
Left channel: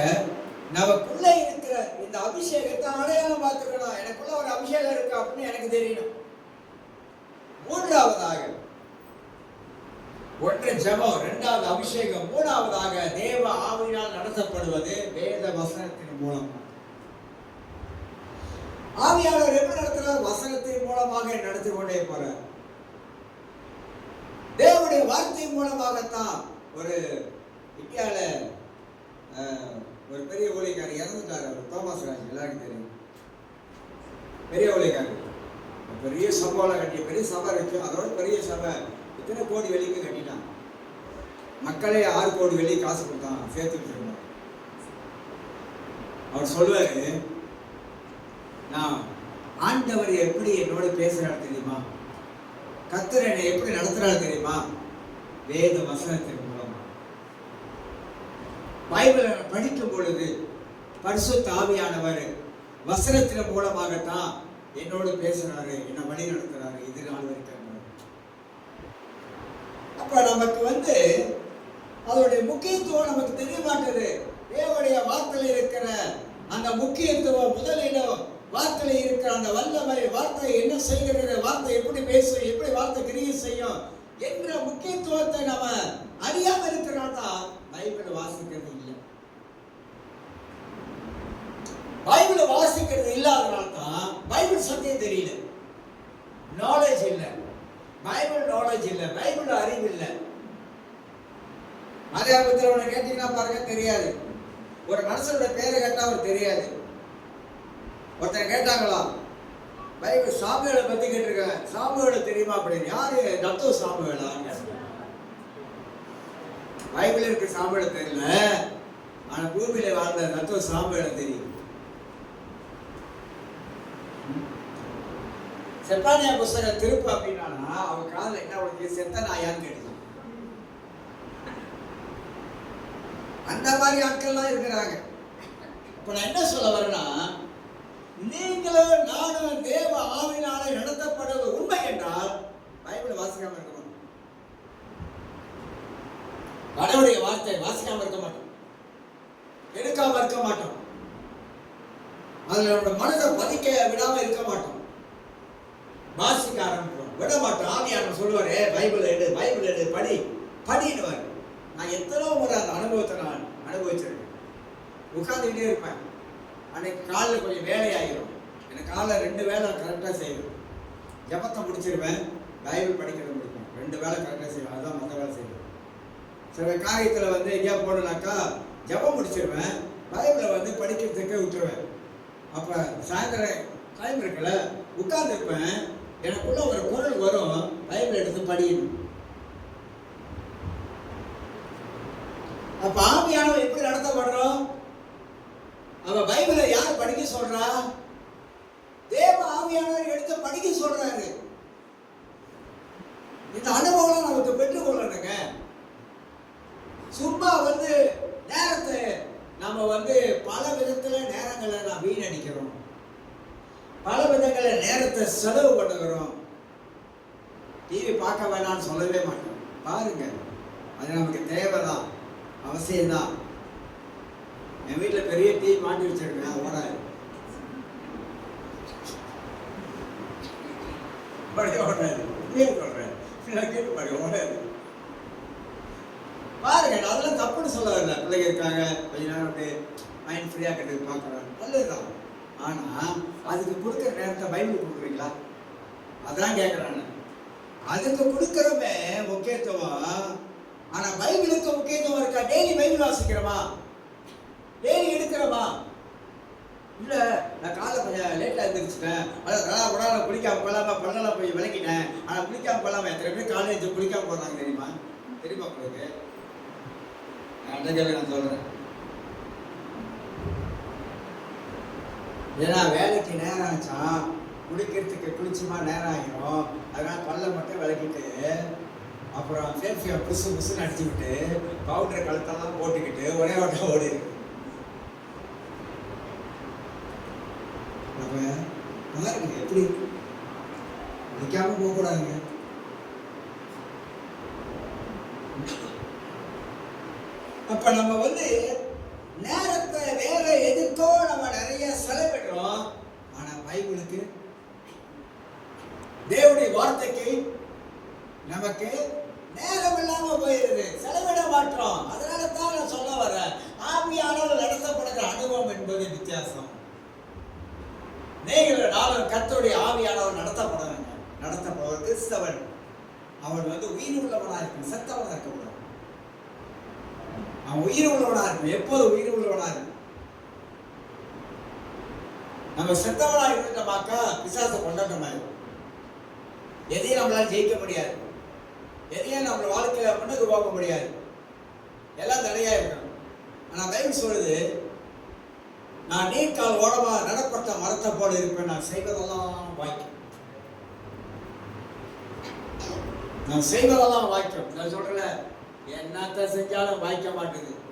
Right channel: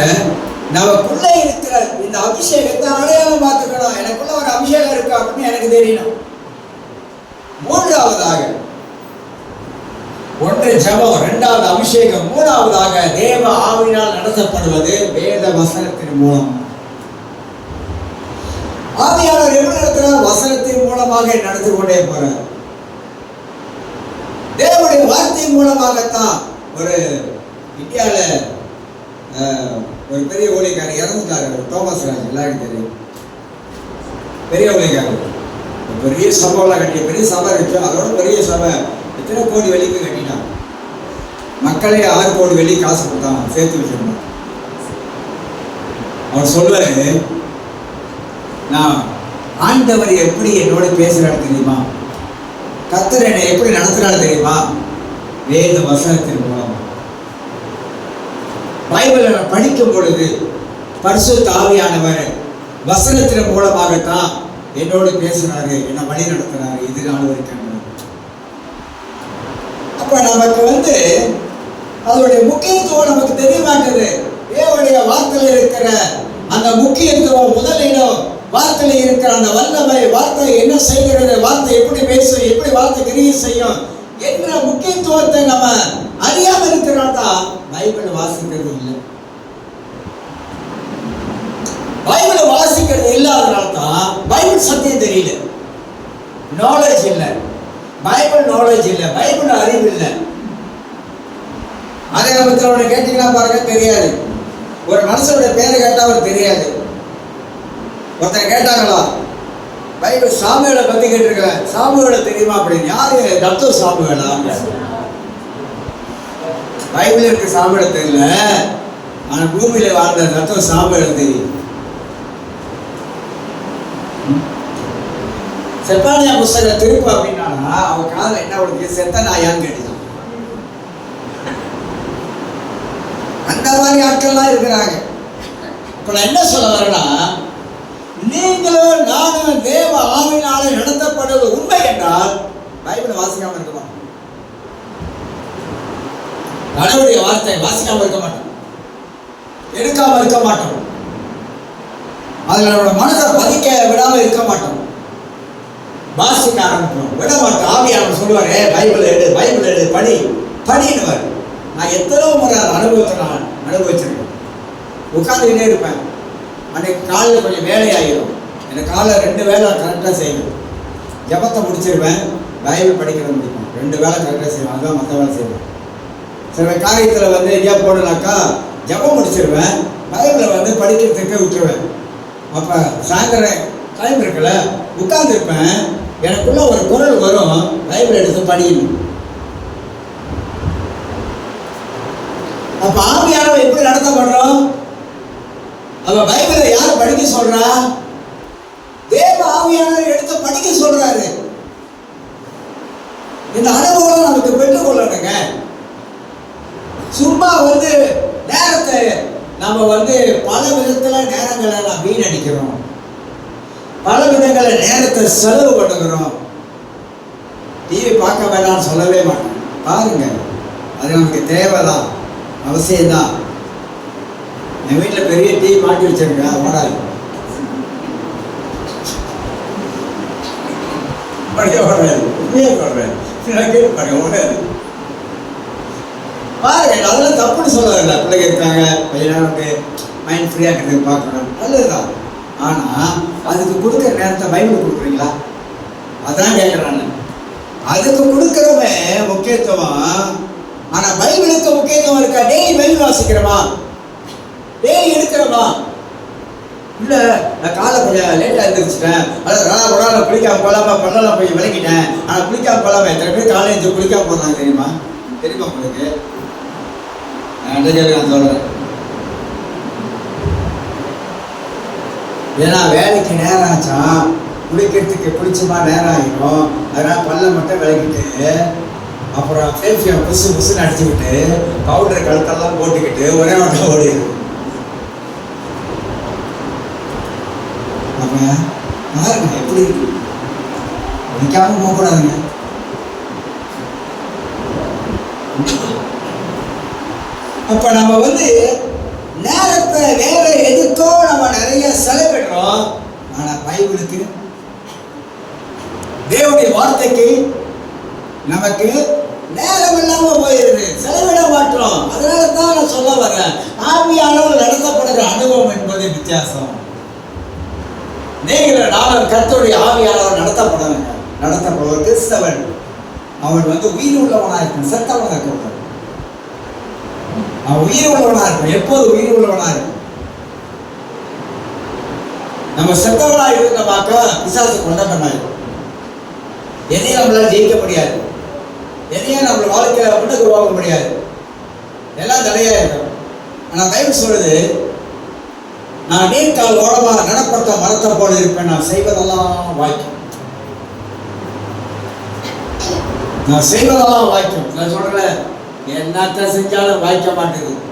நமக்குள்ள இருக்கிற இந்த அபிஷேகத்தை அடையாளம் பார்த்துக்கணும். எனக்குள்ள ஒரு அபிஷேகம் இருக்கு அப்படின்னு எனக்கு தெரியணும். மூன்றாவதாக ஒன்று ஜெபம், இரண்டாவது அபிஷேகம், மூணாவதாக தேவ ஆவியினால் நடத்தப்படுவது வேத வசனத்தின் மூலம். ஆவியானவர் எப்படி நடத்துறார்? வசனத்தின் மூலமாக நடத்தி கொண்டே போறார். தேவனுடைய வார்த்தை மூலமாகத்தான். ஒரு இந்தியாவில் ஒரு பெரிய ஊழியக்காரர் இறந்துட்டாரு, தோமஸ் ராஜ், எல்லாருக்கும் தெரியும். பெரிய ஊழியக்காரர், பெரிய சபைலாம் கட்டி, பெரிய சபை இருக்கு, அதோட பெரிய சபை எத்தனை கோடி வெளிக்கு கட்டினான். மக்களே 6 கோடி வெளி காசு கொடுத்தாங்க, சேர்த்து வச்சிருந்தான். அவர் சொல்வாரு, நான் ஆண்டவர் எப்படி என்னோட பேசுறாரு தெரியுமா, கர்த்தர் என்னை எப்படி நடத்துறாரு தெரியுமா, வேத வசனத்தின் மூலமா. பைபிளை படிக்கும் பொழுது பரிசுத்த ஆவியானவர் வசனத்தின் மூலமாகத்தான் என்னோடு பேசுறாரு, என்னை வழி நடத்துறாரு. இது நாள் வரைக்கும் அப்ப நமக்கு அதோடைய முக்கியத்துவம் நமக்கு தெரிய மாட்டேது. தேவனுடைய வார்த்தையில் இருக்கிற அந்த முக்கியத்துவம், முதலிடம் வார்த்தையில் இருக்கிற அந்த வல்லமை, வார்த்தை என்ன செய்கிறது, வார்த்தை எப்படி பேசும், எப்படி வார்த்தை கிரியை செய்யும் என்ற முக்கியத்துவத்தை நம்ம அறியாம இருக்கிறதா பைபிள் வாசிக்கிறது இல்லை. பைபிளை வாசிக்கிறது இல்லாதனால தான் பைபிள் சத்தியம் தெரியல. நாலேஜ் இல்லை, பைபிள் நாலேஜ் இல்லை, பைபிள் அறிவு இல்லை. அதே பத்தி கேட்டீங்கன்னா பாருங்க தெரியாது. ஒரு மனுஷனுடைய பேரை கேட்டா அவர் தெரியாது. ஒருத்தர் கேட்டாங்களா பைபிள் சாமுவேலை பத்தி கேட்டிருக்கேன், சாமுவேலை தெரியுமா அப்படின்னு. யாரு? டாக்டர் சாமுவேலா? பைபிள் இருக்கு சாமுவேலை தெரியல, ஆனா பூமியில வாழ்ந்த டாக்டர் சாமுவேலை தெரியும். செப்பானியா புஸ்தகம் திருப்பு அப்படின்னா அவன் காதல என்ன உனக்கு செத்த நாயான்னு கேட்டுதான். அந்த மாதிரி ஆட்கள்லாம் இருக்கிறாங்க. இப்ப நான் என்ன சொல்ல வரேன்னா, நீங்களும் நானும் தேவ ஆவியினாலே நடத்தப்படுவது உண்மை என்றால் பைபிளை வாசிக்காம இருக்க மாட்டோம். கடவுளுடைய வார்த்தை வாசிக்காம இருக்க மாட்டோம், எடுக்காம இருக்க மாட்டோம், அதுல நம்மளோட மனதை பதிக்க விடாம இருக்க மாட்டோம். வாசிக்க ஆரம்பிப்போம், விட மாட்டோம். ஆவியானவர் சொல்லுவாரு பைபிள் எடு, பைபிள் எடு, படி படின்னுவார். நான் எத்தனோ முறை அனுபவத்தை நான் அனுபவிச்சிருக்கேன். உட்காந்துக்கிட்டே இருப்பேன். அன்னைக்கு காலையில் கொஞ்சம் வேலையாகிடும். எனக்கு காலையில் 2 வேலை கரெக்டாக செய்வேன். ஜபத்தை முடிச்சிருவேன், பைபிள் படிக்கிறது முடிக்கும். 2 வேலை கரெக்டாக செய்வேன், அதுதான் மற்ற வேலை செய்வேன். சில காரியத்தில் எங்கேயா போடனாக்கா ஜபம் முடிச்சிருவேன், பைபிளை படிக்கிறதுக்கே விட்டுருவேன். அப்போ சாயந்தரம் டைம் இருக்குல்ல, உட்கார்ந்துருப்பேன். எனக்குள்ள ஒரு குரல் வரும், பைபிள் எடுத்து படிக்கணும். அப்ப ஆவியானவர் எப்படி நடத்தப்படுறோம்? அப்ப பைபிளை யார் படிக்க சொல்றா? தேவ ஆவியானவர் எடுத்து படிக்க சொல்றாரு. இந்த அனுபவம் நமக்கு பெற்றுக்கொள்ளணுங்க. சும்மா நேரத்தை நம்ம பல விதத்துல நேரங்களை நான் வீணடிக்கிறோம், பல விதங்களை நேரத்தை செலவு பண்ணுகிறோம். டிவி பார்க்க வேணாம்னு சொல்லவே மாட்டேன், பாருங்க, அது நமக்கு தேவைதான், அவசியம்தான். என் வீட்டில் பெரிய டிவி மாட்டி வச்சிருக்கேன், அது ஓடாது. ஓடாது, உண்மையே சொல்றேன், கேட்டு பாருங்க, ஓடாது. பாருங்க, அதெல்லாம் தப்புன்னு சொல்லல. பிள்ளைங்க இருக்காங்க, கொஞ்ச நேரம் மைண்ட் ஃப்ரீயாக இருக்கிறதுக்கு பார்க்கணும், நல்லதுதான். ஆனால் அதுக்கு கொடுக்குற நேரத்தை பைபிள் கொடுக்குறீங்களா? அதான் கேட்குறாங்க. அதுக்கு கொடுக்குறவங்க முக்கியத்துவம், ஆனால் பைபிளுக்கு முக்கியத்துவம் இருக்கா? டெய்லி பைபிள் வாசிக்கிறோமா? டெய்லி எடுக்கிறோமா? இல்லை, நான் காலை கொஞ்சம் லேட்டாக எழுந்திரிச்சிட்டேன், அதாவது உடனே குளிக்காம போகலாமா, பண்ணலாம் போய் விளக்கிட்டேன், ஆனால் குளிக்காம போகலாமா? எத்தனை பேர் காலேஜ் குளிக்காம போகிறாங்க தெரியுமா? தெரியுமா உங்களுக்கு? நான் சொல்கிறேன். ஏன்னா வேலைக்கு நேரம் ஆச்சா, குளிக்கிறதுக்கு குளிச்சுமா நேரம் ஆகிடும். அதனால் பல்ல மட்டும் விளக்கிட்டு, அப்புறம் ஃபேஷியல் புதுசு புதுசுன்னு அடிச்சுக்கிட்டு, பவுடர் கழுத்தெல்லாம் போட்டுக்கிட்டு ஒரே மட்டும் ஓடிடுது. அப்போ பாருங்க எப்படி இருக்கு. குளிக்காம போகக்கூடாதுங்க. அப்ப நம்ம நேரத்தை வேற எதுக்கோ நம்ம நிறைய செலவிடுறோம். ஆனா பைபிளுக்கு, தேவனுடைய வார்த்தைக்கு நமக்கு நேரம் இல்லாம போயிருது, செலவிட மாட்டோம். அதனால தான் நான் சொல்ல வரேன், ஆவியானவர் நடத்தப்படுகிற அனுபவம் என்பது வித்தியாசம். நீங்கள் நானும் கர்த்தருடைய ஆவியானவர் நடத்தப்படுவது கிறிஸ்தவன். அவன் உயிர் உள்ளவனா இருக்கும், செத்தவனா இருக்க. அவன் உயிர் உள்ளவனா இருக்கும், எப்போது உயிர் உள்ளவனா இருக்கும். நம்ம செத்தவனா இருந்தோமாக்கா பிசாசு கொண்டவனாயிருக்கும். எதையும் நம்மளால ஜெயிக்க முடியாது, எதையும் நம்ம வாழ்க்கையில முன்னுக்கு போக முடியாது, எல்லாம் தடையா இருக்கும். ஆனா பைபிள் சொல்லுது, நான் நீர்க்கால் ஓரமா நடப்பட்ட மரத்தை போல இருப்பேன், நான் செய்வதெல்லாம் வாய்க்கும், நான் செய்வதெல்லாம் வாய்க்கும். நான் சொல்றேன், என்னத்த செஞ்சாலும் வாய்க்க மாட்டேங்குது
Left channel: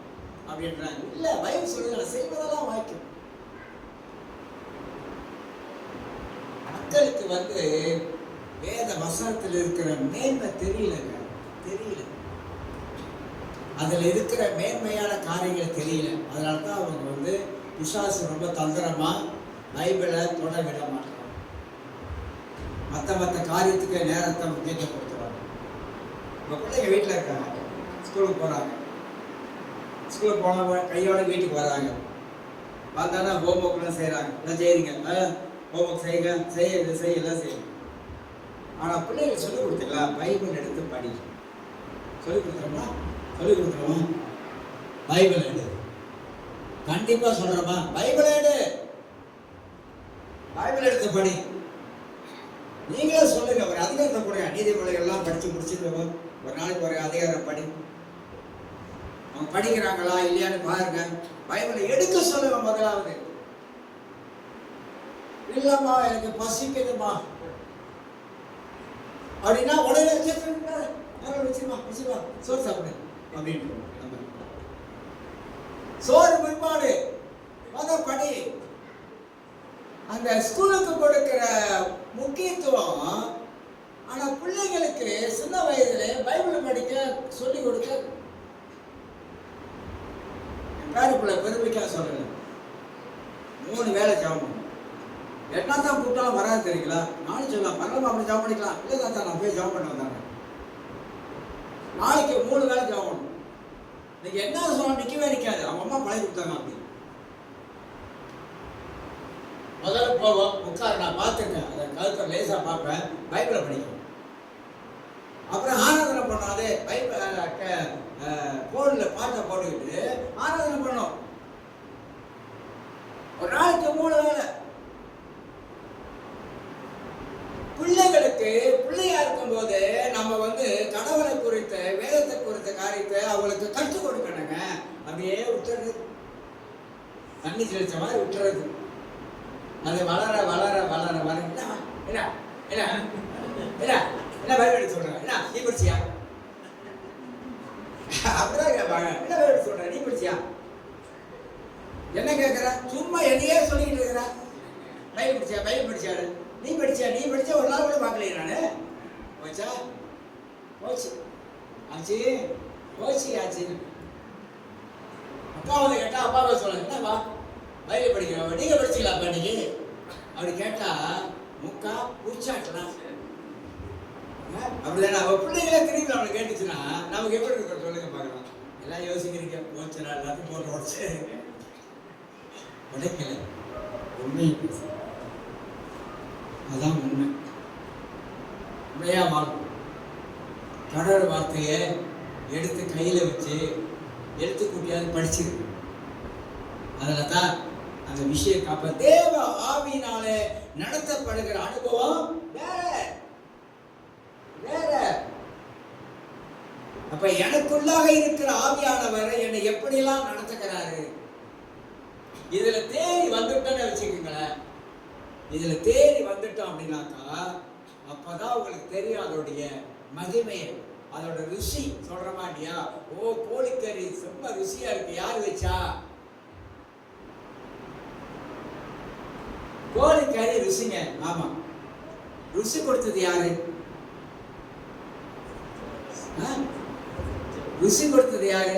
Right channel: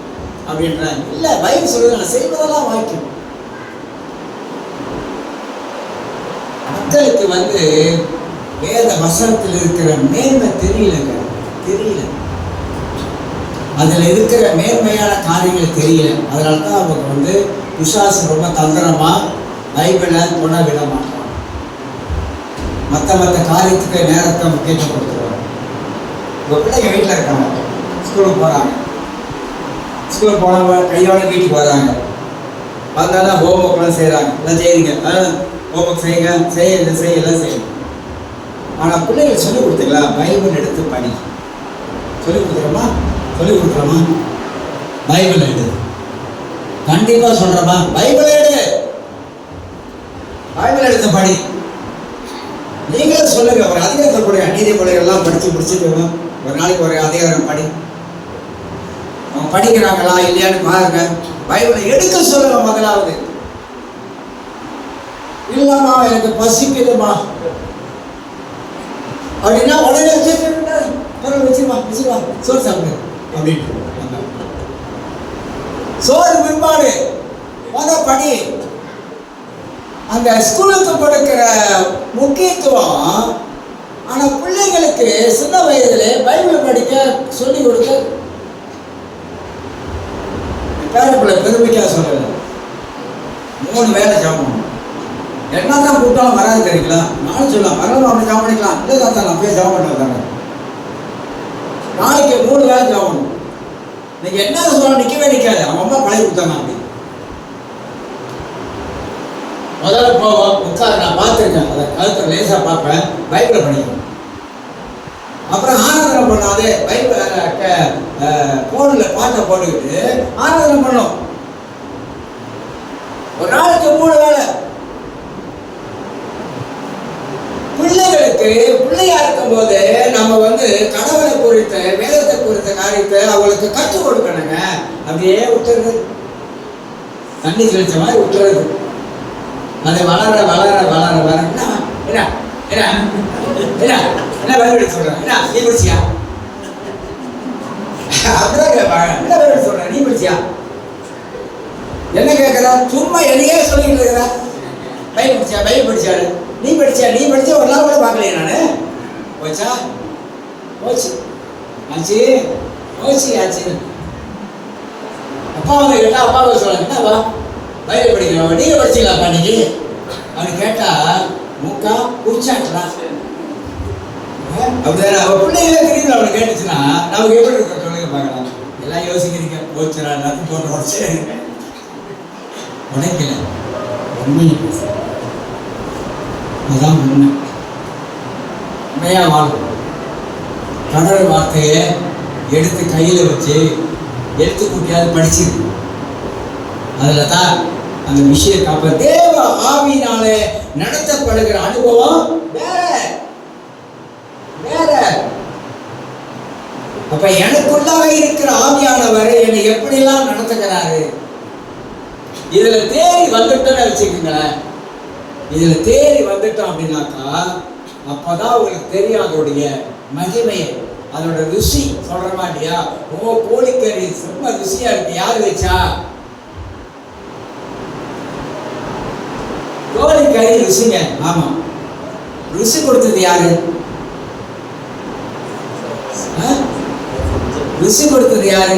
அப்படின்றாங்க. இல்ல, பைபிள் சொல்லுது, நான் செய்வதெல்லாம் வாய்க்கும். மக்களுக்கு வேத வசனத்தில் இருக்கிற மேன்மை தெரியலங்க, தெரியல. அதுல இருக்கிற மேன்மையான காரியங்கள் தெரியல. அதனால தான் அவங்க பிசாசு ரொம்ப தந்திரமா பைபிளை கொண்டா விட மாட்டான். மற்ற காரியத்துக்கு நேரத்தை முக்கியத்துவம் கொடுத்துருவாங்க. உங்கள் பிள்ளைங்க வீட்டில் இருக்காங்க, ஸ்கூலுக்கு போகிறாங்க, ஸ்கூலுக்கு போனவங்க கையோட வீட்டுக்கு வராங்க, வந்தாலும் ஹோம் ஒர்க்லாம் செய்கிறாங்க, எல்லாம் செய்யுங்க, ஹோம் ஒர்க் செய்யுங்க, எல்லாம் செய்யணும். ஆனால் பிள்ளைகள் சொல்லிக் கொடுத்துக்கலாம், பைபிள் எடுத்து படி. சொல்லிக் கொடுக்குறோமா? பைபிள் எடு. கண்டிப்பாக சொல்கிறோமா? பைபிள் எடுத்து படி. நீங்களும் சொல்லுங்க, ஒரு அதிகாரத்தை கொடுங்க. நீதிமொழிகள்லாம் படித்து முடிச்சுட்டு ஒரு நாளைக்கு ஒரு அதிகாரம் படி. அவங்க படிக்கிறாங்களா இல்லையான்னு பாருங்க. பைபிளை எடுக்க சொல்லுங்க. முதலாவது இல்லைம்மா எனக்கு பசிக்குதுமா அப்படின்னா உடனே வச்சிருவா சோறு சாப்பிடு அப்படின்னு. சோறு பின்பாடு படி. அந்த ஸ்கூலுக்கு கொடுக்கிற முக்கியத்துவம். ஆனால் பிள்ளைங்களுக்கு சின்ன வயதிலே பைபிள் படிக்க சொல்லிக் கொடுக்க பேரப்பிள்ளை பெருமைக்காக சொல்லலை. 3 வேலை ஜாமம் என்ன தான் கூட்டாலும் வராது தெரியுங்களா? நானும் சொல்லலாம் வரலாம், அப்படி ஜாமம் பண்ணிக்கலாம். இல்லை தான் நான் போய் ஜாமம் பண்ண தாங்க. நாளைக்கு 3 வேலை ஜாமணும். நீங்கள் என்ன சொல்ல நிற்கவே நிற்காது. அவங்க அம்மா பழகி கொடுத்தாங்க. அப்படி முதல்ல போவோம் உட்கார். நான் பார்த்துருக்கேன், அதை கழுத்தை லேசாக பார்ப்பேன், பைபிளை படிக்கணும். அப்புறம் ஆராதனை பண்ணாதே பைபிள் ஃபோனில் பாட்டை போட்டுக்கிட்டு ஆராதனை பண்ணோம். ஒரு நாளைக்கு 3 வேலை. பிள்ளைகளுக்கு பிள்ளையா இருக்கும் போது நம்ம கடவுளை குறித்த வேதத்தை குறித்த காரியத்தை அவங்களுக்கு கற்றுக் கொடுக்கணுங்க. அப்படியே விட்டுறது, தண்ணி தெளிச்ச மாதிரி விட்டுறது. அது வளர என்ன வேலை சொல்றேன், என்ன நீ படிச்சியா? அப்படிதான் கேட்பாங்க. என்ன வேலை சொல்ற, நீ படிச்சியா? என்ன கேட்கற? சும்மா என்னையே சொல்லிட்டு இருக்கிற. பைபிள் படிச்சாரு. நீ படிச்ச ஒரு நாள் கூட பார்க்கலையே நானு. போச்சா போச்சு ஆச்சு. அப்பா கேட்டா அப்பாவை சொல்லுங்க, என்னவா பைபிள் படிக்கிறோம், நீங்க படிச்சீங்களாப்பா இன்னைக்கு அப்படின்னு கேட்டா மூக்கா குடிச்சாங்களா? அப்படிதானே அவ பிள்ளைகள தெரியுது. அவனை கேட்டுச்சுன்னா நமக்கு எப்படி இருக்க சொல்லுங்க பார்க்கலாம். எல்லாம் யோசிக்கிறீங்க, போச்சுரா எல்லாத்தையும் போட்டு உடச்சு உடைக்கல. உண்மையை பேச அதுதான் உண்மையா வாழும். கடவுள் வார்த்தையை எடுத்து கையில் வச்சு எடுத்து கூட்டியாவது படிச்சிருக்கு. அதில் தான் அந்த விஷயம் காப்ப தேவ ஆவியினாலே நடத்தப்படுகிற அனுபவம் வேற. அப்ப எனக்குள்ளாக இருக்கிற ஆவியானவர் என்னை எப்படிலாம் நடத்துகிறாரு. இதுல தேறி வந்துட்டோன்னு வச்சுக்கோங்களேன். இதுல தேறி வந்துட்டோம் அப்படின்னாக்கா அப்பதான் உங்களுக்கு தெரியும் அதோடைய மகிமையை, அதோட ருசி. சொல்றமா இல்லையா? கோழிக்கறி ரொம்ப ருசியா இருக்கு, யாரு வச்சா? கோழிக்கறி ருசிங்க. ஆமா, ருசி கொடுத்தது யாரு? ருசி கொடுத்தது யாரு?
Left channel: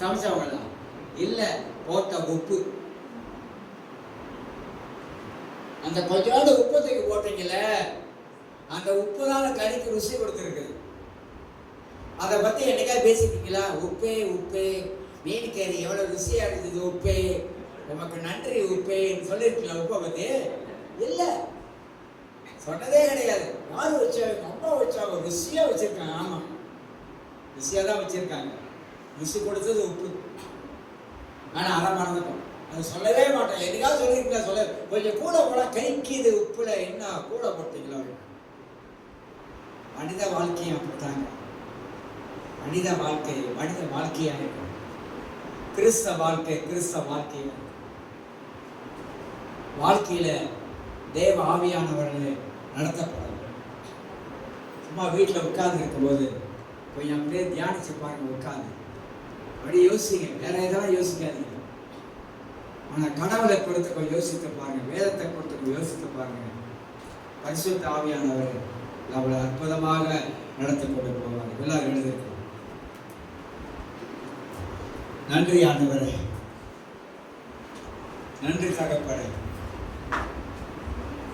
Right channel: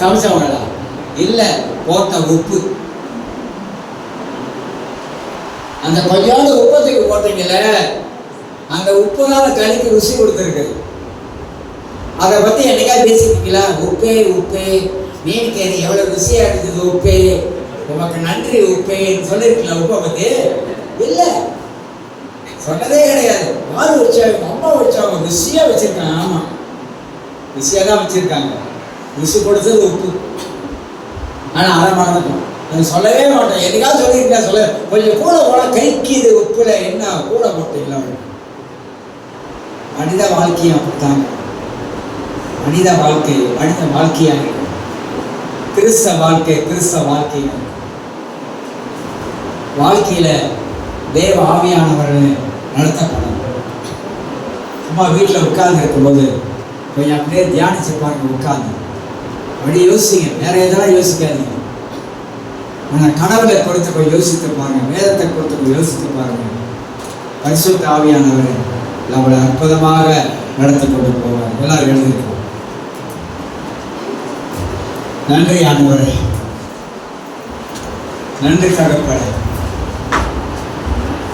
சமைச்சவங்களா? இல்ல, போட்ட உப்பு. அந்த கொஞ்சோண்டு உப்பத்துக்கு போட்டீங்கல்ல, அந்த உப்பு தான் கறிக்கு ருசி கொடுத்துருக்கு. அதை பத்தி என்னைக்கா பேசிக்கிங்களா? உப்பே மீன் கறி எவ்வளவு ருசியா இருக்குது, உப்பே உமக்கு நன்றி உப்பேன்னு சொல்லிருக்கல. உப்பை பத்தி இல்ல, சொன்னதே கிடையாது. யாரு வச்சாங்க? அம்மா வச்சாங்க, ருசியா வச்சிருக்காங்க. ஆமா, ருசியா தான் வச்சிருக்காங்க. ருசி கொடுத்தது உப்பு. ஆனா அதை மறந்துட்டோம், அது சொல்லவே மாட்டோம். என்னைக்காவது சொல்லியிருக்கா? சொல்ல கொஞ்சம் கூட போனா கைக்குது உப்புல, என்ன கூட போட்டீங்களா? மனித வாழ்க்கையும் அப்படித்தாங்க. மனித வாழ்க்கையாக கிறிஸ்தவ வாழ்க்கையில தேவ ஆவியானவர்கள் நடத்தப்படும். சும்மா வீட்டில் உட்கார்ந்து இருக்கும்போது கொஞ்சம் அப்படியே தியானிச்சு பாருங்க. உட்கார்ந்து அப்படியே யோசிங்க, வேற எதெல்லாம் யோசிக்காதீங்க. ஆனால் கடவுளை குறித்து போய் யோசித்து பாருங்க, வேதத்தை குறித்து போய் யோசித்து பாருங்க. பரிசுத்த ஆவியானவர் நம்மளை அற்புதமாக நடத்தி கொண்டு போவார். எல்லாரும் எழுதியிருக்கோம். நன்றி ஆண்டவரே. நன்றி தகப்பனே.